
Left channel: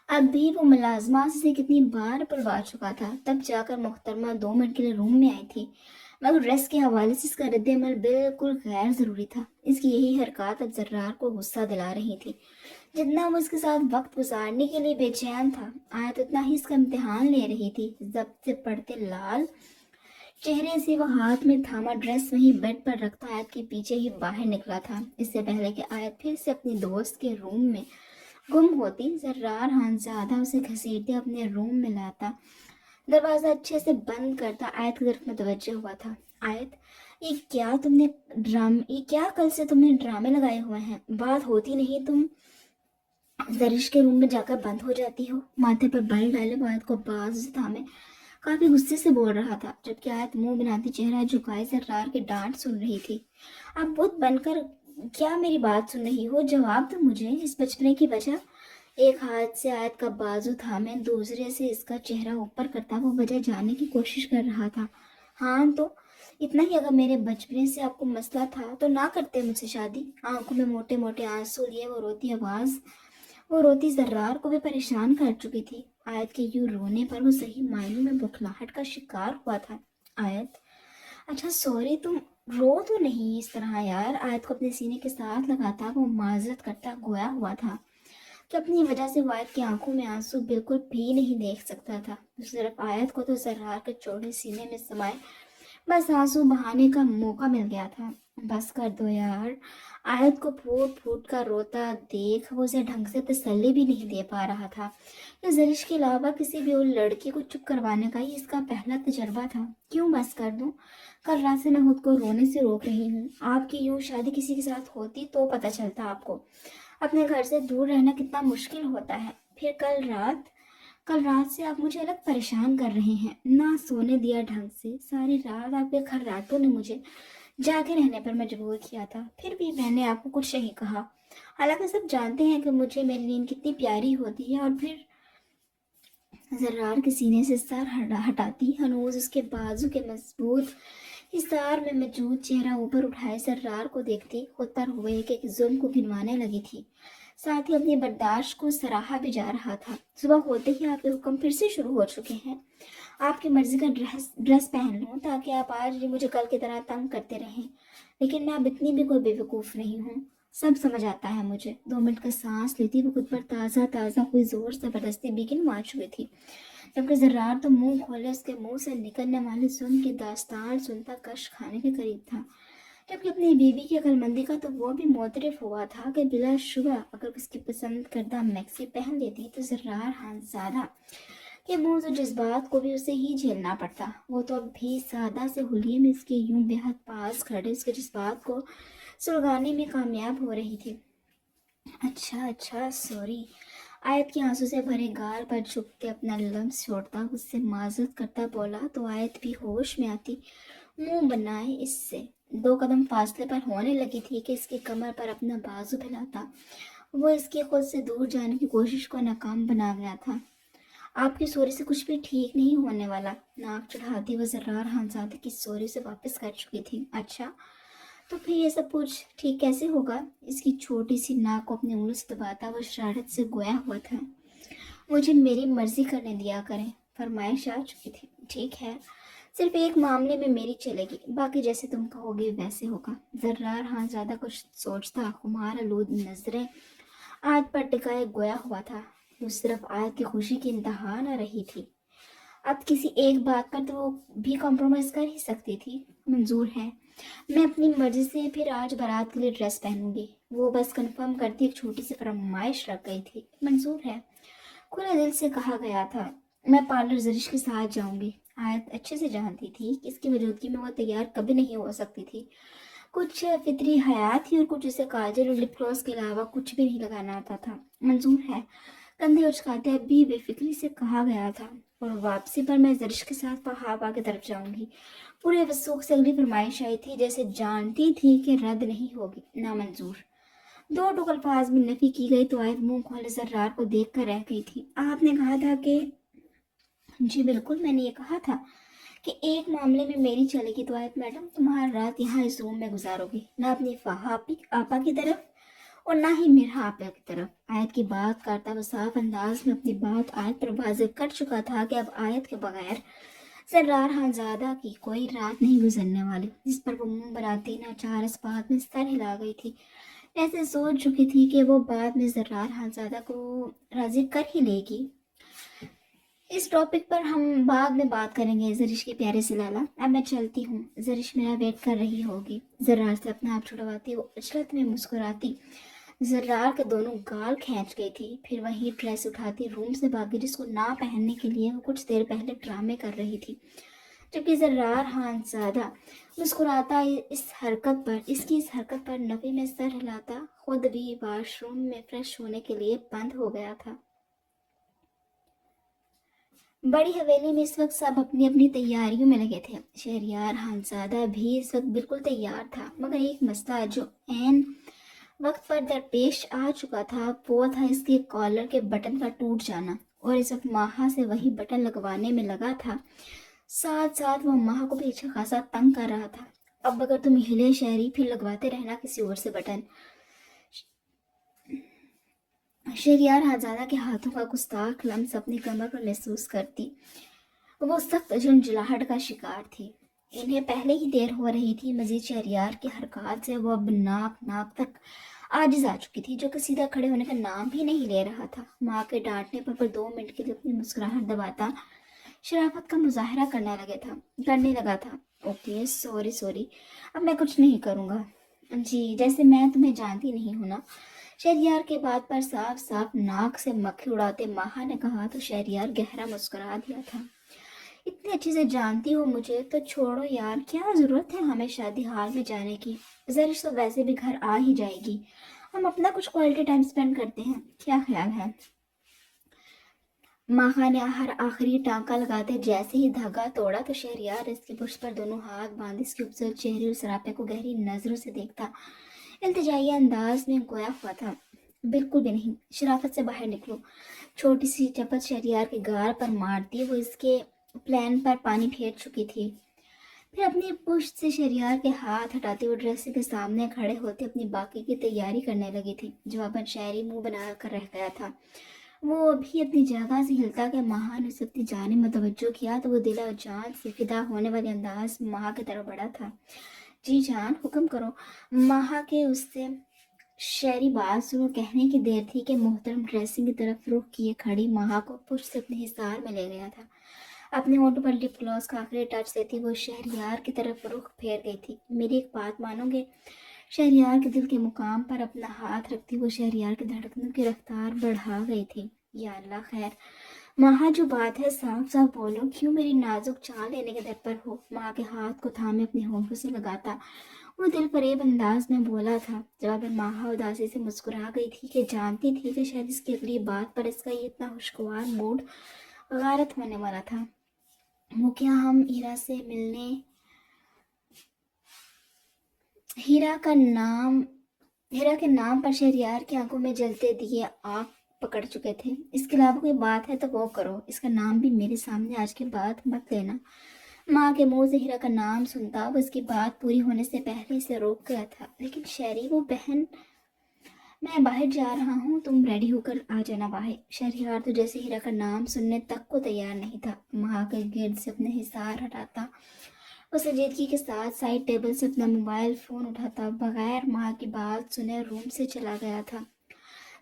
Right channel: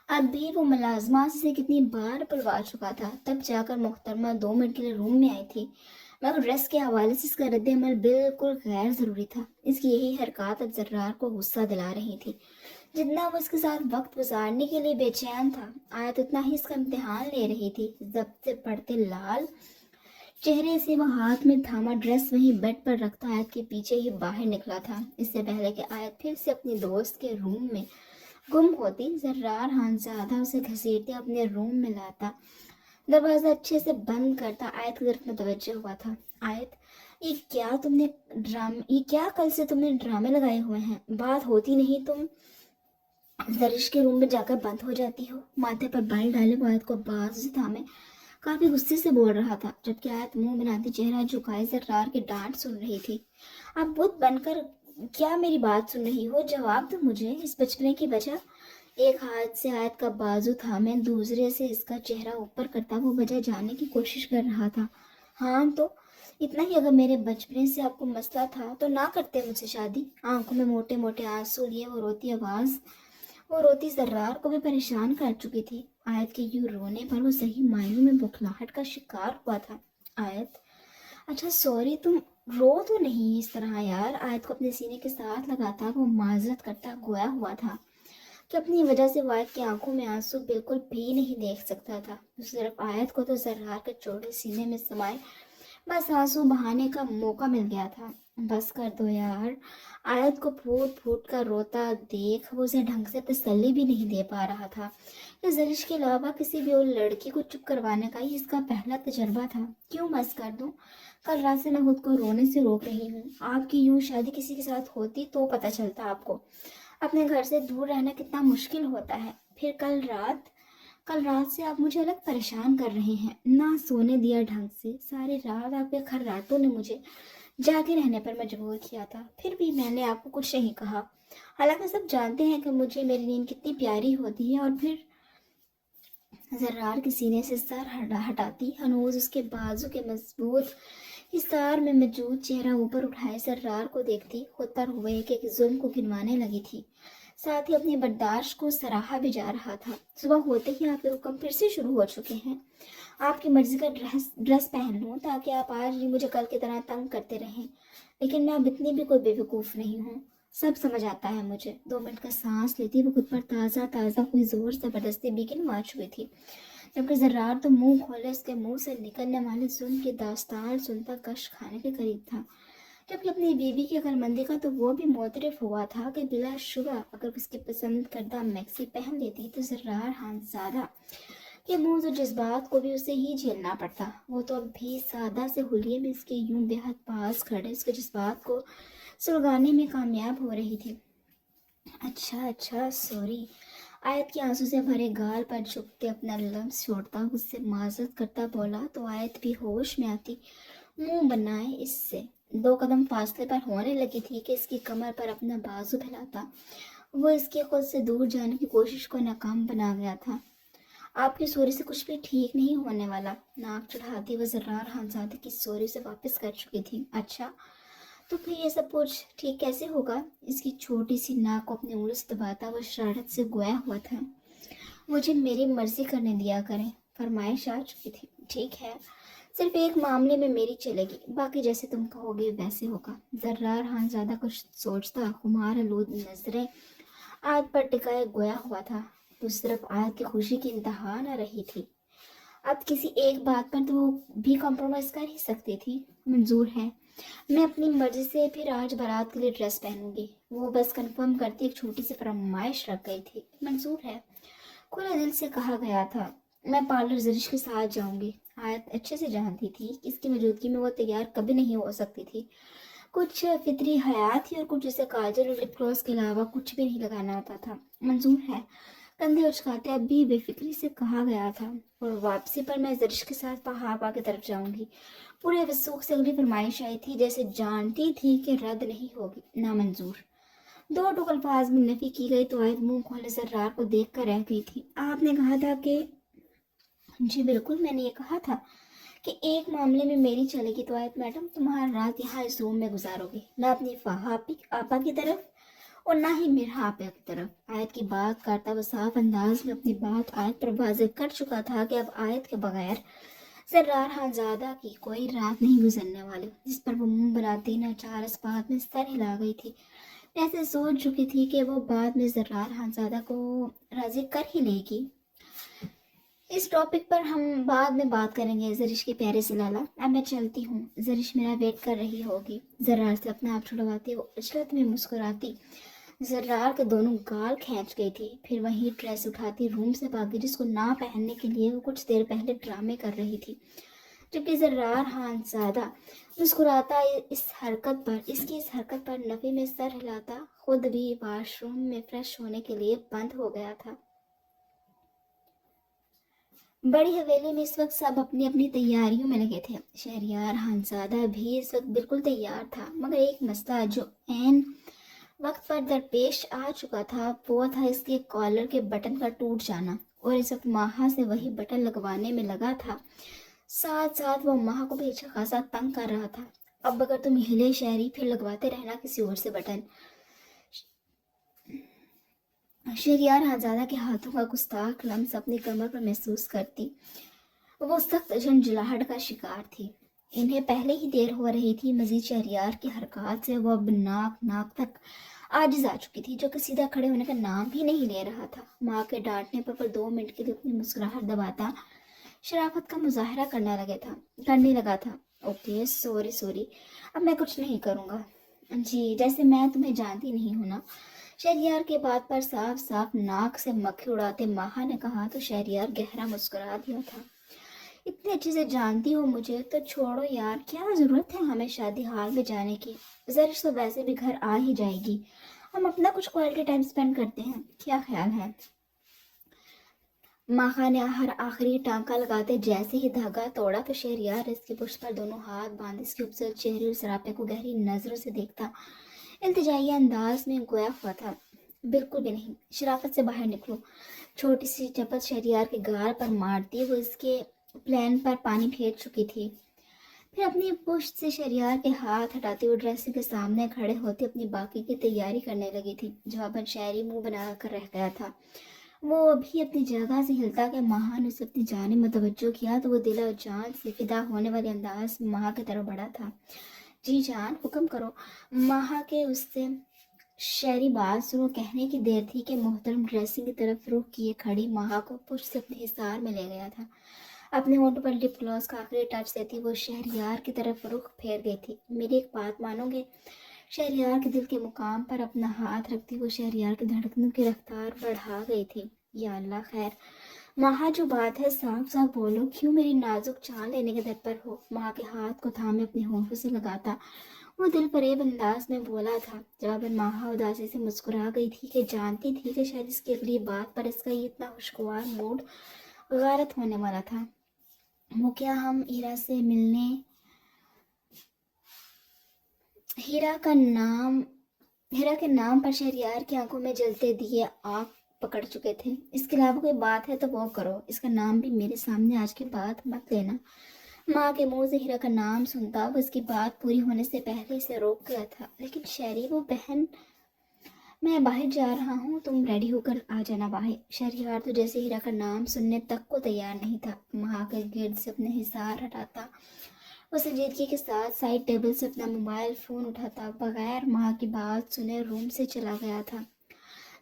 اب بھی وہ ملازمات سے کتنی بار بلوا چکا تھا، تب جا کر محترمہ 2 منٹ کے لیے روم میں آئی تھی، مگر ڈریس کے حوالے سے اس کا رد عمل بالکل غیر ضروری تھا۔ اس کی یہی حرکات اب زرار کو غصہ دلا رہی تھی۔ جتنا وہ اس کے ساتھ وقت گزارنے کے لیے بے چین تھا، آیت اتنا ہی اس کا امتحان لے رہی تھی۔ ضبط سے پڑتے لال چہرے سے وہ ہاتھ میں تھاما ڈریس وہیں بیڈ پر رکھتا آیت کے پیچھے ہی باہر نکلا تھا۔ اس سے پہلے کہ آیت پھر سے اپنی دوست کے روم میں گم ہوتی، زرار خانزادہ اسے گھسیٹتے اپنے روم میں لاتا، دروازہ اچھے سے بند کرتا آیت کی طرف متوجہ ہوا تھا۔ آیت، یہ کیا کل سے تم نے ڈرامے لگائے ہوئے ہیں؟ بات ہوتی نہیں تم زرش کے روم میں جا کر بند ہو جاتی ہو؟ ماتھے پر بل ڈالے وہ آیت کو بازو سے تھامے کافی غصے سے بول رہا تھا، جبکہ آیت منہ بناتی چہرہ جھکائے زرار کی ڈانٹ سن رہی تھی۔ آپ بت بن کر کیا میری بات سن رہی ہو؟ جواب دو مجھے، اس بچپنے کی وجہ۔ ایک ہاتھ سے آیت کا بازو تھامے دوسرے سے اس کا چہرہ اوپر کرتا وہ وجہ جاننے کی کوشش کر رہا تھا۔ ہاں تو اتنا ہی، اگر میرے بچپنے سے آپ کو مسئلہ تھا تو نہ کرتے مجھ سے شادی۔ آنکھوں میں موٹے موٹے آنسو لیے وہ روتی زرار کو بھی پریشان کر چکی تھی۔ آیت کے یوں رونے پر وہ صحیح معنی میں بکھلاہٹ کا شکار ہوا تھا۔ آیت، اچھا سوری، تم رو تو نہیں اس طرح یار؟ آیت کو اپنے سینے کے ساتھ لگاتا وہ معذرت کرتا گویا ہوا تھا کہ اپنی وجہ سے آیت کی آنکھوں میں آنسو بالکل بھی نہیں دیکھ سکتا تھا۔ صرف آیت کو تو زرار کے چوڑے سینے میں سمائے بس آنسو بہانے کا موقع مل گیا تھا۔ بس کر دو یار۔ آیت کو پھوٹ پھوٹ کر روتا دیکھ وہ اسے ڈھنگ سے تسلی بھی نہیں دے پا رہا تھا کہ زرش کے علاوہ کسی بھی اور لڑکی کو چپ کروانے کا ہی اس کا پہلا تجربہ تھا۔ کیوں بس کر دوں؟ کل رات سے میں خود کو رونے سے روک رہی ہوں۔ آپ کی یوں شادی کسی کے ساتھ ہوتی تو پتہ چلتا آپ کو اپنے گھر سے دور رہنا کتنا مشکل ہوتا ہے۔ پھر کل رات سے آپ مجھے الگ پریشان کر رہے ہیں، نہ سونے دیا ڈھنگ سے، ساری رات آپ کے خراتوں نے مجھے جاگے رہنے پر مجبور کیا تھا، پھر بھی میں نے آپ کو کچھ نہیں کہا، حالانکہ سب جانتے ہیں کہ مجھے میری نیند کتنی پیاری ہوتی ہے۔ اور پھر زرار کے سینے سے سر ہٹاتی ہنوز اس کے بازو کے مضبوط حصار میں موجود چہرہ اوپر اٹھائے زرار کو دیکھتی خود پر ہوئے کہ ایک ظلم کو گنوانے لگی تھی، ساتھ ہی اپنی برداشت کو سراہا بھی جا رہا تھا۔ صبح ہوتے ہی آپ کے حکم پھر سے شروع ہو چکے ہیں۔ آپ کی مرضی کا ڈریس پہن لوں تاکہ آپ آج بھی مجھے کل کی طرح تنگ کرتے رہیں، لیکن میں اب اتنی بھی کوئی بے وقوف نہیں ہوں، سب سمجھ آتا ہے مجھے۔ 2 منٹ کا سانس لیتی وہ خود پر تازہ ہوئی زور زبردستی بیگن مار چکی تھی، جبکہ زرار تو منہ کھولے اس کے منہ سے نکلنے والے ظلم کی داستان سنتا کش کھانے کے قریب تھا، جبکہ اپنی بیوی کی عقل مندی کا تو وہ بھی معترف ہوا تھا کہ بلا شبہ اگر اس کی پسند کردہ میکسی پہن لیتی تو زرار خانزادہ کے موز اور جذبات کو بھی اسے ہی جھیلنا پڑتا۔ وہ تو اب بھی سادہ سے حلیے میں اس کے یوں بے حد پاس کھڑے اس کے جذبات کو سلگانے میں کامیاب ہو رہی تھی۔ अच्छा अच्छा सॉरी। आयत के आंसू से भरे गाल पर झुक के अपना लम्स छोड़ता उससे माजूद करता बोला तो आयत भी होश में आती मुंह बनाए इससे 2 कदम फासले पर होने लगी थी कि इसकी कमर पर अपना बाजू फैलाता वो इसके खुद से दूर जाने की कोशिश को नाकाम बना गया था। आपकी सोरी से कुछ भी ठीक नहीं होने वाला। नाक चढ़ाती वो जर्रार खानजादे की सोरी से वापस कर चुकी थी। अच्छा तो फिर ये सब कुछ ठीक कैसे होगा? इसकी छोटी सी नाक को अपनी उंगली से दबाता वो शरारत से गोया हुआ था। मुझे मेरी मर्जी करने दिया करें। फरमाइश आ चुकी थी। ठीक है, सिर्फ एक मामले में मेरी चलेगी, बाकी जैसे तुम कहोगे वैसे होगा। जर्रार हाँ ज्यादा कुछ सोचता खुमार आलूद नजरें आग पर टिकाए गोया हुआ था। दूसरी तरफ आग की खुशी की इंतहा न रही थी। अब किसी एक बात पर तो भी कॉम्प्रोमाइज कर ही सकती थी। मंजूर है, मैं अपनी मर्जी से फिर आज बारात के लिए ड्रेस पहनूंगी। वो बस कंफर्म करती एक छोटी सी फरमाइश रख गई थी। मंजूर है, खुला दिल से कहा गया था। मैं पार्लर जरिश के साथ जाऊंगी। आयत अच्छे से जानती थी कि इसकी मौजूदगी में वो तैयार कभी नहीं हो सकती थी। कुछ फितरी हयात थी और कुछ उसे काजल और लिप ग्लॉस के अलावा कुछ भी नहीं लगाना आता था। मंजूर है, कंधे उचकाते अब भी बेफिक्री से कहा गया था। और वापसी पर मैं जरिश के साथ पहाबा की तरफ जाऊंगी। पूरे वसूख से अगली फरमाइश आई थी, जैसे जानती थी कि रद्द नहीं होगी। नामंजूर। दो टुक अल्फाज में नफी की गई तो आयत मुंह खोले जर्रार को देख कर रह गई थी। आपने कहा था कि जी बिल्कुल, मैंने ये कहा था कि एक मामले में मेरी चलेगी तो आयत मैडम तुम्हारी रात यहाँ इस रूम में गुजारोगे, ना अपनी फहापी आपा की तरफ और ना ही मेरा आपा की तरफ। आयत की बात करता वह साफ अंदाज में अपनी बात आयत पर वाज़ेह कर चुका था कि अब आयत के बगैर जर्रार खानज़ादा की कोई रात नहीं गुजरने वाली, जिस पर वो मुंह बनाती नाचार इस बात में सर हिला गई थी, जैसे सोच चुकी थी कि वो बाद में जर्रार खानज़ादा को राजी कर ही लेगी। इस टॉपिक पर हम बाद में बात करेंगे जरिश के प्यारे से लाला। अब मैं चलती हूँ, जरिश मेरा वेट कर रही होगी। जर्रार से अपने आप छुड़वाती वो इशरत में मुस्कुराती। जर्रार के दोनों गाल खींच गई थी। फिर वही ड्रेस उठाती रूम से भागी जिसको ना पहनने के लिए वो कुछ देर पहले ड्रामे कर रही थी। जबकि जर्रार खानज़ादा मुस्कुराता इसकी इस हरकत पर नफी में सर हिलाता खुद भी वॉशरूम में फ्रेश होने के लिए बंद हो गया था। बड़ी हवेली में इस वक्त सब अपनी अपनी तैयारियों में लगे थे। शहरियार खानज़ादा भी इस वक्त बिल्कुल तैयार था, मगर एक मसला जो ऐन वक्त पर दरपेश आ चुका था वो था इसके कॉलर के बटन का टूट जाना। और इस वक्त माहा से वही बटन लगवाने में लगा था। साथ साथ वो माह को भी अच्छा खासा तंग कर रहा था। अब अगर तुम हिले शहरी फिर लगवाते रहना किसी और से बटन। शहरियार खानज़ादा के हाथों का गुस्ताख लम्स अपनी कमर पर महसूस करती। वो सख्त झंझलाहट का शिकार थी। इन्हें पहले ही देर हो रही थी। मजीद शहरियार की हरकत से वो अब नाक नाक तक आजिज आ चुकी थी, जो कि सीधा खड़े होने का नाम भी नहीं ले रहा था। माँ के डांटने पर 2 मिनट के लिए अपनी मुस्कुराहट दबाता शराफत का मुजाहरा करने लगा था। ओके सॉरी सॉरी, अब मैं कुछ नहीं करूँगा। जी, जैसे मैं तुम्हें जानती नहीं हूँ ना। शहरियार के बात पर साफ साफ नाक से मक्खी उड़ाते माहा ने कहा तो शहरियार गहरा मुस्कुरा दिया था। इतने अच्छे से जानती हो मुझे तो छोड़ो यार, क्या जरूरत है हमें शादी हाल में जाने की। जरिश तो वैसे भी घर आ ही जाएगी, हम अपना कुछ क्वालिटी टाइम स्पेंड करते हैं, क्या ख्याल है? माहा ने हर आखिरी टांका लगाते जैसे ही धागा तोड़ा तो शहरियार इसके पुष्ट पर दोनों हाथ बांध इसके खूबसूरत चेहरे और सरापे को गहरी नजरों से देखता इल्तिजाई अंदाज में गोया हुआ था। बिल्कुल भी नहीं, शराफत से बाहर निकलो। छोटी सी चपत शहरियार के गाल पर मारती वो इसके प्लान पर पानी फेर चुकी थी। फिर अपनी पुश्त से शहरियार के हाथ हटाते हुए ड्रेसिंग के सामने खड़े होते अपनी बाकी की तैयारी करने लगी थी। जवाबन शायरी मुंह बना कर रह गया था। वो भी अपनी जगह से हिलता के माह ने उसकी जाने में तवज्जो किया तो वो दिल और जान से फिदा होने वाले अंदाज में माह की तरफ बढ़ा था। जी जान, हुक्म करो। माह के उससे शहरी बात शुरू कहने की देर थी कि मोहतरम ड्रेसिंग की तरफ रुख किए खड़ी माह को पुष्ट से अपने हिसार में ले गया था। अपने होंठों पर लिप ग्लॉस का आखिरी टच देती वो शहरियार की तरफ रुख फेर गई थी। मेरी एक बात मानोगे? शहरियार के दिल के मुकाम पर अपना हाथ रखती वो शहरियार की धड़कनों की रफ्तार बढ़ा गई थी। या अल्लाह खैर, माँ जो बात है साफ साफ बोलो, क्यों मेरी नाजुक जान लेने के दर पर हो? माँ के हाथ को थामे अपने होठों से लगाता वो दिल फरेब अंदाज में बोला था। जवाब में माहा उदासी से मुस्कुरा गई थी कि जानती थी कि शायद इसकी अगली बात पर इसका ये इतना खुशगवार मूड गारत होने वाला था। वो क्या हम हीरा का नाम हीरा के नाम पर शहरयार की आंखों में जलते दिए आंख पकड़ चुके थे। इसके अलावा कोई बात है तो वो करो, इसका नाम भी मेरे सामने आज के बाद मत लेना। माँ के मुंह से हीरा का नाम सुनता वो इसकी बात पूरी होने से पहले इसे रोक गया था। लेकिन शहरी वो बहन, मैं बाहर जा रहा हूँ, तुम रेडी होकर आ जाना बाहर। शहरयार तो जैसे हीरा का नाम सुनने तक को तैयार नहीं था। माँ के गिर्द से अपने हिसार हटाता, वो संजीदगी के साथ साइड टेबल से अपना मोबाइल फोन उठाता, बगैर माँ की बात सुने रूम से चला गया था।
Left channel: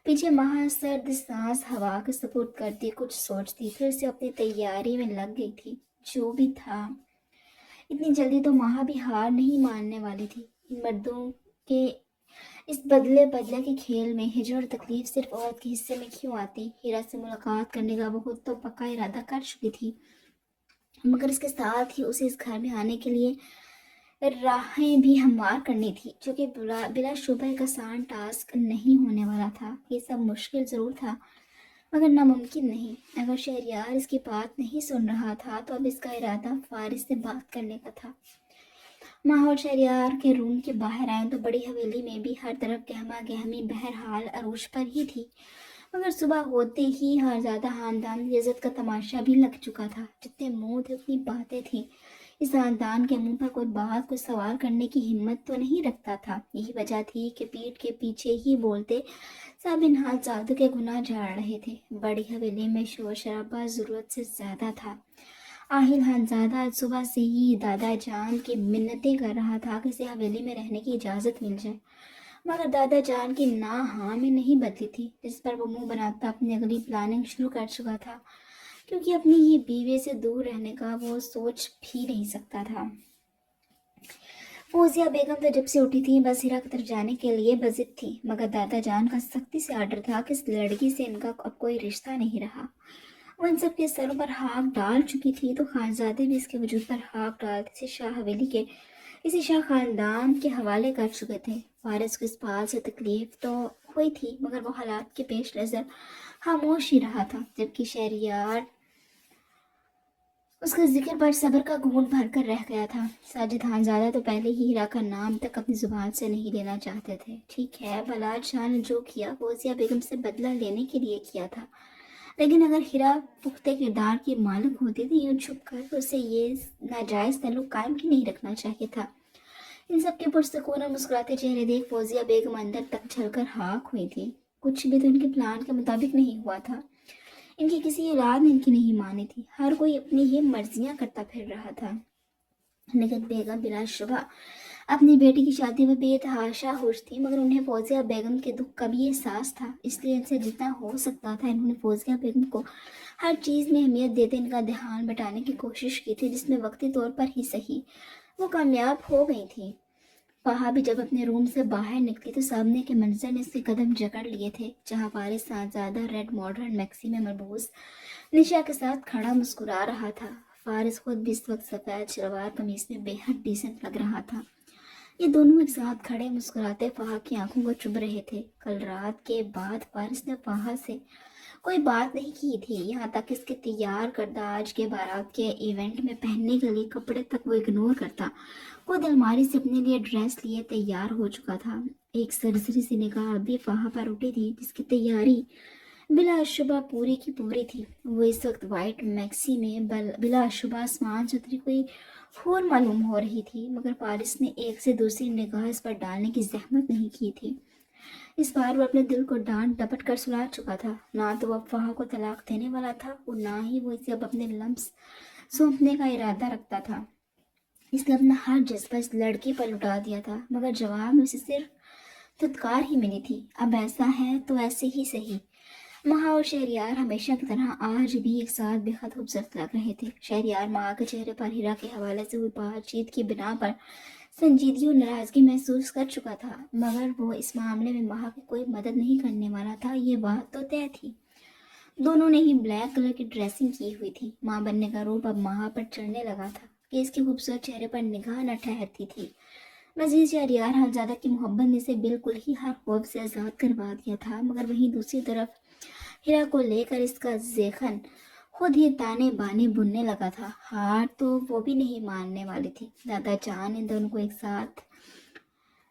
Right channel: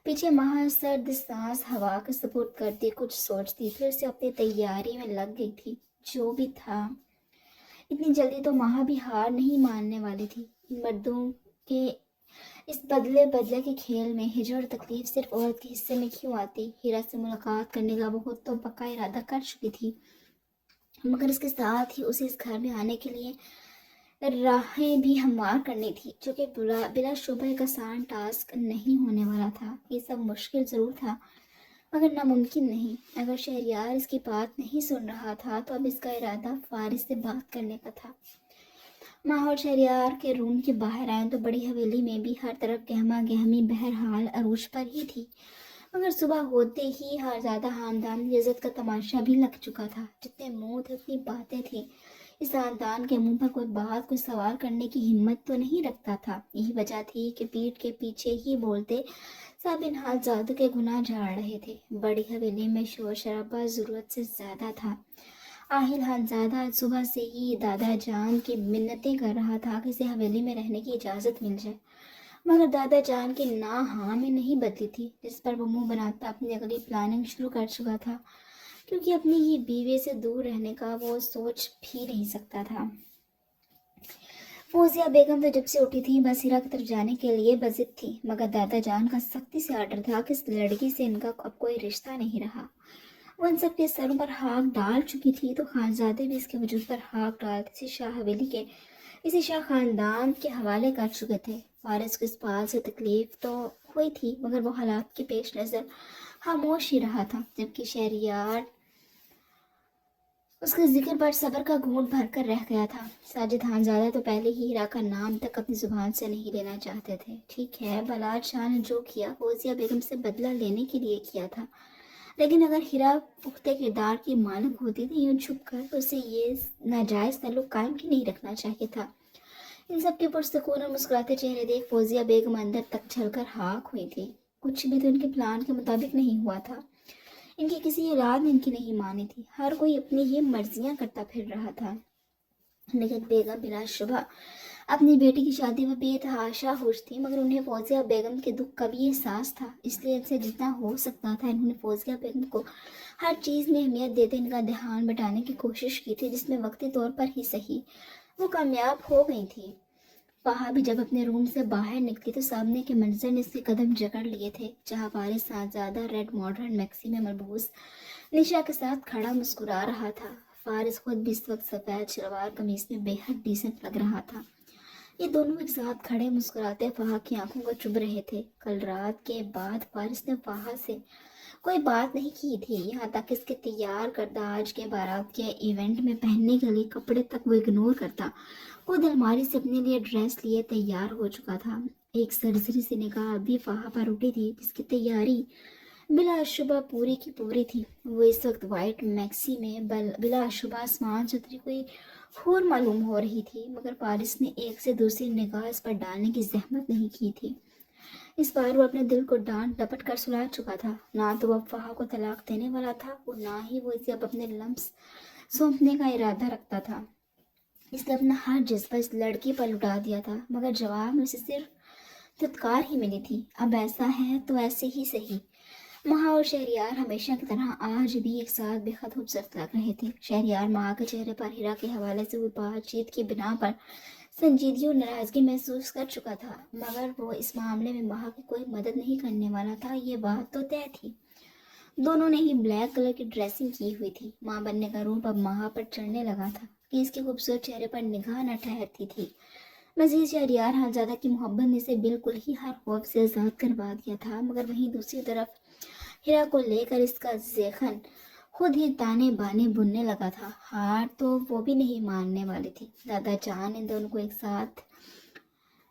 पीछे माँ सर्द सांस हवा के सपोर्ट करती कुछ सोचती, फिर से अपनी तैयारी में लग गई थी। जो भी था, इतनी जल्दी तो माँ भी हार नहीं मानने वाली थी। इन मर्दों के इस बदले बदले के खेल में हिजर और तकलीफ सिर्फ औरत के हिस्से में क्यों आती। हीरा से मुलाकात करने का वो खुद तो पक्का इरादा कर चुकी थी, मगर इसके साथ ही उसे इस घर में आने के लिए राहें भी हमवार करनी थी, जो कि बिला शुबह एक आसान टास्क नहीं होने वाला था। ये सब मुश्किल ज़रूर था, मगर नामुमकिन नहीं। अगर शहरयार इसकी बात नहीं सुन रहा था तो अब इसका इरादा फारिस से बात करने का था। माहौल शहरयार के रूम के बाहर आए तो बड़ी हवेली में भी हर तरफ गहमा गहमी बहरहाल अरूज पर ही थी। मगर सुबह होते ही हर ज़्यादा खानदान की इज्जत का तमाशा भी लग चुका था। जितने मुंह थे उतनी बातें थी। इस खानदान के मुंह पर कोई बात, कोई सवाल करने की हिम्मत तो नहीं रखता था। यही वजह थी कि पीठ के पीछे ही बोलते सब इन हाल जादू के गुनाह झाड़ रहे थे। बड़ी हवेली में शोर शराबा ज़रूरत से ज़्यादा था। आहिल खानजादा आज सुबह से ही दादा जान की मिन्नतें कर रहा था कि इसे हवेली में रहने की इजाज़त मिल जाए, मगर दादा जान की ना हाँ में नहीं बदली थी, जिस पर वो मुंह बनाता अपनी अगली प्लानिंग शुरू कर चुका था, क्योंकि अपनी ही बीवी से दूर रहने का वो सोच भी नहीं सकता था। फौजिया बेगम तो जब से उठी थी बस हीरा की तरफ जाने के लिए बजित थी, मगर दादा जान का सख्ती से आर्डर था कि इस लड़की से इनका अब कोई रिश्ता नहीं रहा। वो इन सबके सरों पर हाथ डाल चुकी थी तो खानजादे भी इसके वजूद पर हाथ डालते इसे शाह हवेली के, इसे शाह खानदान के हवाले कर चुके थे। फारिस को इस बात से तकलीफ तो हुई थी, मगर वो हालात के पेश नज़र खामोश ही रहा था, जबकि शहरयार उसके जिक्र पर सब्र का घूंट भरकर रह गया था। साजिद खानजादा तो पहले ही हीरा का नाम तक अपनी जुबान से नहीं लेना चाहते थे। ठीक है, बलाट शाह ने जो किया फौजिया बेगम से बदला लेने के लिए किया था, लेकिन अगर हीरा पुख्ते किरदार की मालिक होती तो यूं छुप कर उसे ये नाजायज़ ताल्लुक कायम ही नहीं रखना चाहिए था। इन सब के पुरसकून और मुस्कुराते चेहरे देख फौजिया बेगम अंदर तक झलकर खाक हुई थी। कुछ भी तो इनके प्लान के मुताबिक नहीं हुआ था। इनकी किसी औलाद ने इनकी नहीं मानी थी। हर कोई अपनी ही मर्जियां करता फिर रहा था, लेकिन बेगम बिला शुबह अपनी बेटी की शादी में बेतहाशा खुश थी, मगर उन्हें फौजिया बेगम के दुख का भी एहसास था। इसलिए इनसे जितना हो सकता था इन्होंने फौजिया बेगम को हर चीज़ में अहमियत देते इनका ध्यान बटाने की कोशिश की थी, जिसमें वक्ती तौर पर ही सही वो कामयाब हो गई थी। पहा भी जब अपने रूम से बाहर निकली तो सामने के मंजर ने उसके कदम जकड़ लिए थे, जहाँ फारिस साहबजादा रेड मॉडर्न मैक्सी में मलबूस निशा के साथ खड़ा मुस्कुरा रहा था। फारिस खुद भी इस वक्त सफ़ेद शलवार कमीज में बेहद डिसेंट लग रहा था। ये दोनों एक साथ खड़े मुस्कुराते फाहा की आंखों को चुभ रहे थे। कल रात के बाद फारिस ने फाहा से कोई बात नहीं की थी, यहाँ तक इसके तैयार करदा आज के बारात के इवेंट में पहनने के लिए कपड़े तक वो इग्नोर करता। खुद अलमारी से अपने लिए ड्रेस लिए तैयार हो चुका था। एक सरसरी सी निगाह अभी फाहा पर उठी थी, जिसकी तैयारी बिलाशुबा पूरी की पूरी थी। वो इस वक्त वाइट मैक्सी में बिलाशुबा आसमान चतरी कोई हूर मालूम हो रही थी, मगर फारिस ने एक से दूसरी निगाह इस पर डालने की जहमत नहीं की थी। इस बार वो अपने दिल को डांट डपट कर सुला चुका था। ना तो वो अफवाह को तलाक देने वाला था और ना ही वो इसे अब अपने लम्स सौंपने का इरादा रखता था। इसने अपना हर जज्बा इस लड़की पर लुटा दिया था, मगर जवाब में उसे सिर्फ धुतकार ही मिली थी। अब ऐसा है तो ऐसे ही सही। महा और शहरयार हमेशा की तरह आज भी एक साथ बेहद खूबसूरत लग रहे थे। शहरयार महा के चेहरे पर हीरा के हवाले से हुई बातचीत की बिना पर संजीदगी और नाराजगी महसूस कर चुका था, मगर वो इस मामले में महा की कोई मदद नहीं करने वाला था, ये बात तो तय थी। दोनों ने ही ब्लैक कलर की ड्रेसिंग की हुई थी। माँ बनने का रूप अब महा पर चढ़ने लगा था कि इसके खूबसूरत चेहरे पर निगाह न ठहरती थी। मजीद शहरियार खानजादा की मोहब्बत ने इसे बिल्कुल ही हर खौफ से आज़ाद करवा दिया था, मगर वहीं दूसरी तरफ हिरा को लेकर इसका जेखन खुद ही ताने बाने बुनने लगा था। हार तो वो भी नहीं मानने वाली थी। दादा जान ने दोनों को एक साथ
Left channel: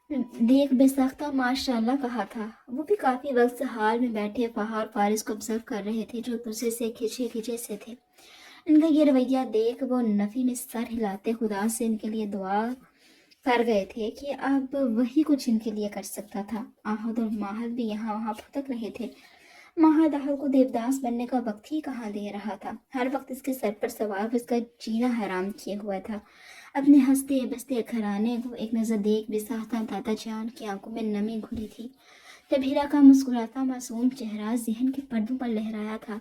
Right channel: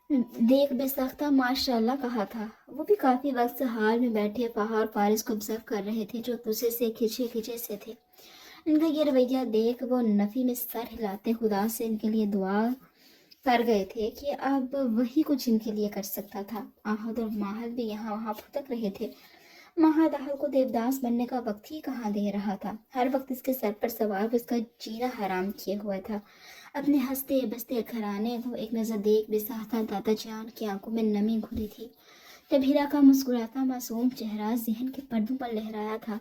देख बेसाख्ता माशाल्लाह कहा था। वो भी काफी वक्त से हाल में बैठे पहाड़ फारिस को ऑब्जर्व कर रहे थे, जो दूसरे से खिंचे खिंचे से थे। इनका ये रवैया देख वो नफी में सर हिलाते खुदा से इनके लिए दुआ कर गए थे कि अब वही कुछ इनके लिए कर सकता था। आहद और माहद भी यहाँ वहाँ भटक रहे थे। माहद आहद को देवदास बनने का वक्त ही कहाँ दे रहा था। हर वक्त इसके सर पर सवार वो इसका जीना हराम किए हुआ था। अपने हंसते बसते घराने को एक नज़र देख बेसाख्ता दादा जान की आंखों में नमी घुली थी। जब हीरा का मुस्कुराता मासूम चेहरा जहन के पर्दों पर लहराया था,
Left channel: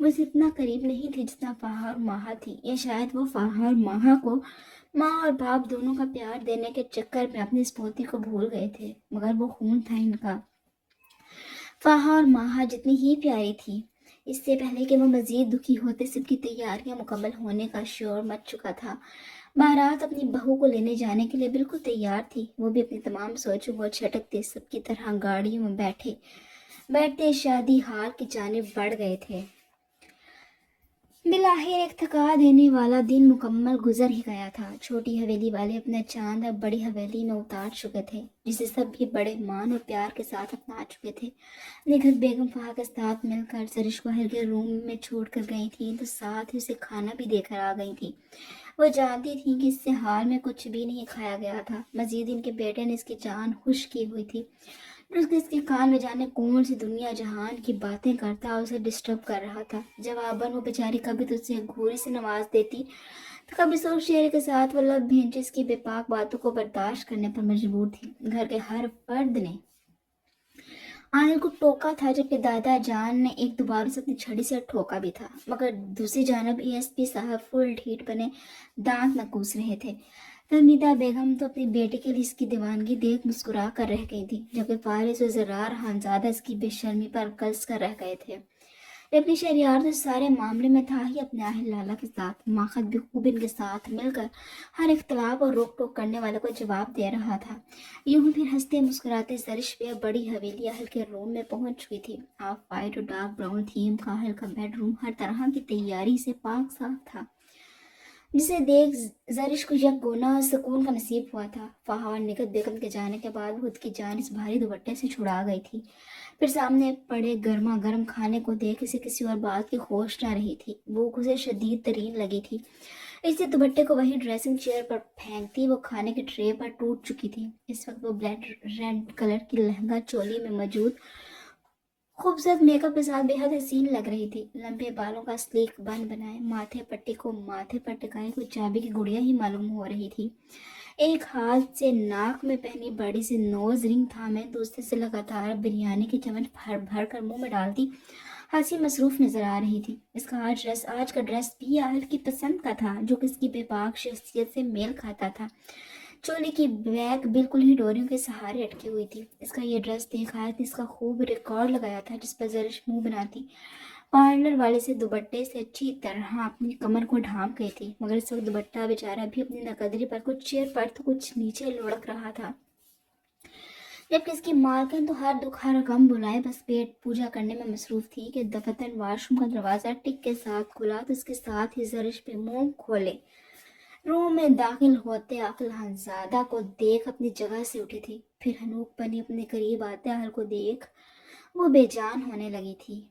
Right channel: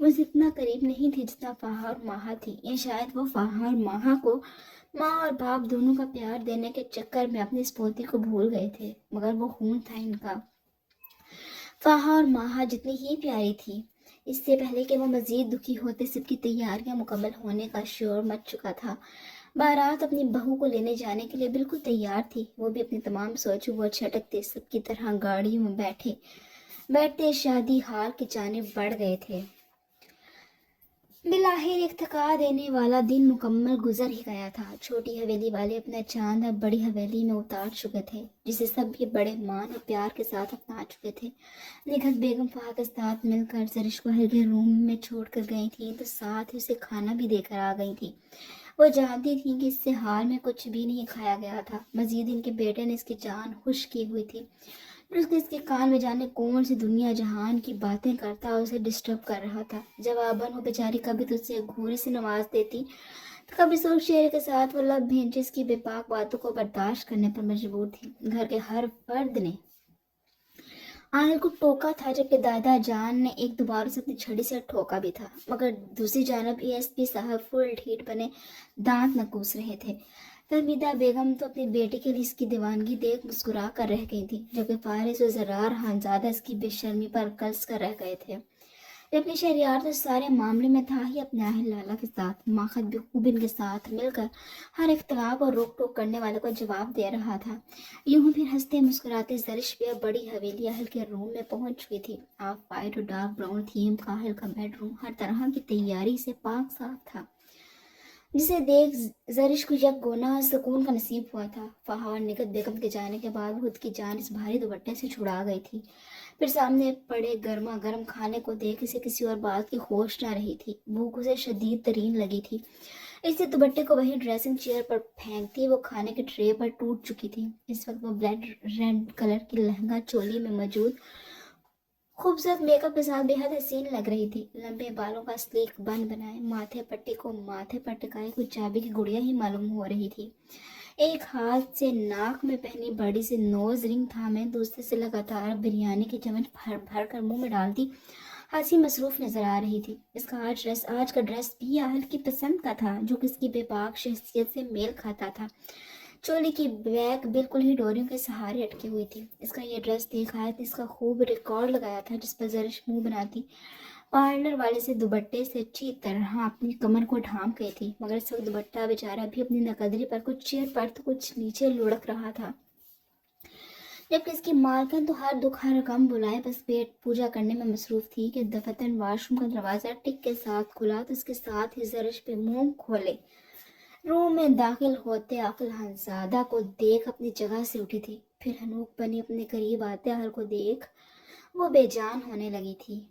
वो इतना करीब नहीं थी जितना फाहा और माहा थी। या शायद वो फाहा और माहा को माँ और बाप दोनों का प्यार देने के चक्कर में अपनी इस पोती को भूल गए थे, मगर वो खून था इनका। फाहा और माहा जितनी ही प्यारी थी, इससे पहले कि वो मजीद दुखी होते सबकी तैयारियां मुकम्मल होने का शोर मच चुका था। बारात अपनी बहू को लेने जाने के लिए बिल्कुल तैयार थी। वो भी अपनी तमाम सोचों वो छटकते सबकी तरह गाड़ियों में बैठते शादी हार की जानिब बढ़ गए थे। बिलाहिर एक थका देने वाला दिन मुकम्मल गुजर ही गया था। छोटी हवेली वाले अपना चांद अब बड़ी हवेली में उतार चुके थे, जिसे सब भी बड़े मान और प्यार के साथ अपना चुके थे। निखत बेगम फाहा के साथ मिलकर सरिश को हल्के रूम में छोड़ कर गई थी, तो साथ ही उसे खाना भी देकर आ गई थी। वो जानती थी कि इससे हाल में कुछ भी नहीं खाया गया था। मजीद इनके बेटे ने इसकी जान खुश की हुई थी। इसके कान में जाने कौन सी दुनिया जहान की बातें करता और उसे डिस्टर्ब कर रहा था। जवाबन वो बेचारी कभी तो उसे घूरी से नवाज देती, तो कभी सोच शेर के साथ वो लब भेंचे इसकी बेपाक बातों को बर्दाश्त करने पर मजबूर थी। घर के हर फर्द ने आनिल को टोका था, जबकि दादा जान ने एक दो बार उसे अपनी छड़ी से ठोका भी था, मगर दूसरी जानब एएसपी साहब फुल ढीठ बने दांत न कूस रहे थे। तलमीदा बेगम तो अपनी बेटी के लिए इसकी दीवानगी देख मुस्कुरा कर रह गई थी, जबकि फारिस और जरार खानजादा इसकी बेशर्मी पर कस कर रह गए थे। जबकि शहरियार तो सारे मामले में था ही अपने आहिल लाला के साथ। माखद भी खूब इनके साथ मिलकर हर इख्तलाफ और रोक टोक करने वाले को जवाब दे रहा था। यूं फिर हंसते मुस्कुराते जरिश भी अब बड़ी हवेली अहल के रूम में पहुंच चुकी थी। ऑफ वाइट और डार्क ब्राउन थीम का अहल का बेडरूम हर तरह की तैयारी से पाक साफ था, जिसे देख जरिश को यक गोना सुकून का नसीब हुआ था। फाहा और निकत बेगम के जाने के बाद खुद की जान इस भारी दुपट्टे से छुड़ा गई थी। फिर सामने पड़े गर्मा गर्म खाने को देख इसे किसी और बात की होश न रही थी। भूख उसे शदीद तरीन लगी थी, इसलिए दुपट्टे को वही ड्रेसिंग चेयर पर फेंकती वो खाने की ट्रे पर टूट चुकी थी। इस वक्त वो ब्लैक रेड कलर की लहंगा चोली में मौजूद खूबसूरत मेकअप के साथ बेहद हसीन लग रही थी। लंबे बालों का स्लीक बन बनाए माथे पट्टी को माथे पर टिकाए कुछ चाबी की गुड़िया ही मालूम हो रही थी। एक हाथ से नाक में पहनी बड़ी सी नोज रिंग थामे दूसरे से लगातार बिरयानी की चम्मच भर भर कर मुंह में डालती हंसी मसरूफ नजर आ रही थी। इसका आज का ड्रेस भी आहल की पसंद का था, जो किसकी बेबाक शख्सियत से मेल खाता था। चोली की बैग बिल्कुल ही डोरियों के सहारे अटकी हुई थी। इसका ये ड्रेस देखा है तो इसका खूब रिकॉर्ड लगाया था, जिस पर जरिश मुंह बनाती पार्लर वाले से दुपट्टे से अच्छी तरह अपनी कमर को ढांप गई थी, मगर इस वक्त दुपट्टा बेचारा भी अपनी नकदरी पर कुछ चेयर पर तो कुछ नीचे लुढ़क रहा था। जबकि इसकी मालकिन तो हर दुख हर गम बुलाए बस पेट पूजा करने में मसरूफ थी कि दफतन वाशरूम का दरवाजा टिक के साथ खुला तो इसके साथ ही जरिश पे मुंह खोले रूम में दाखिल होते आकिल हंसादा को देख अपनी जगह से उठी थी। फिर हनूक बनी अपने करीब आते अहल को देख वो बेजान होने लगी थी।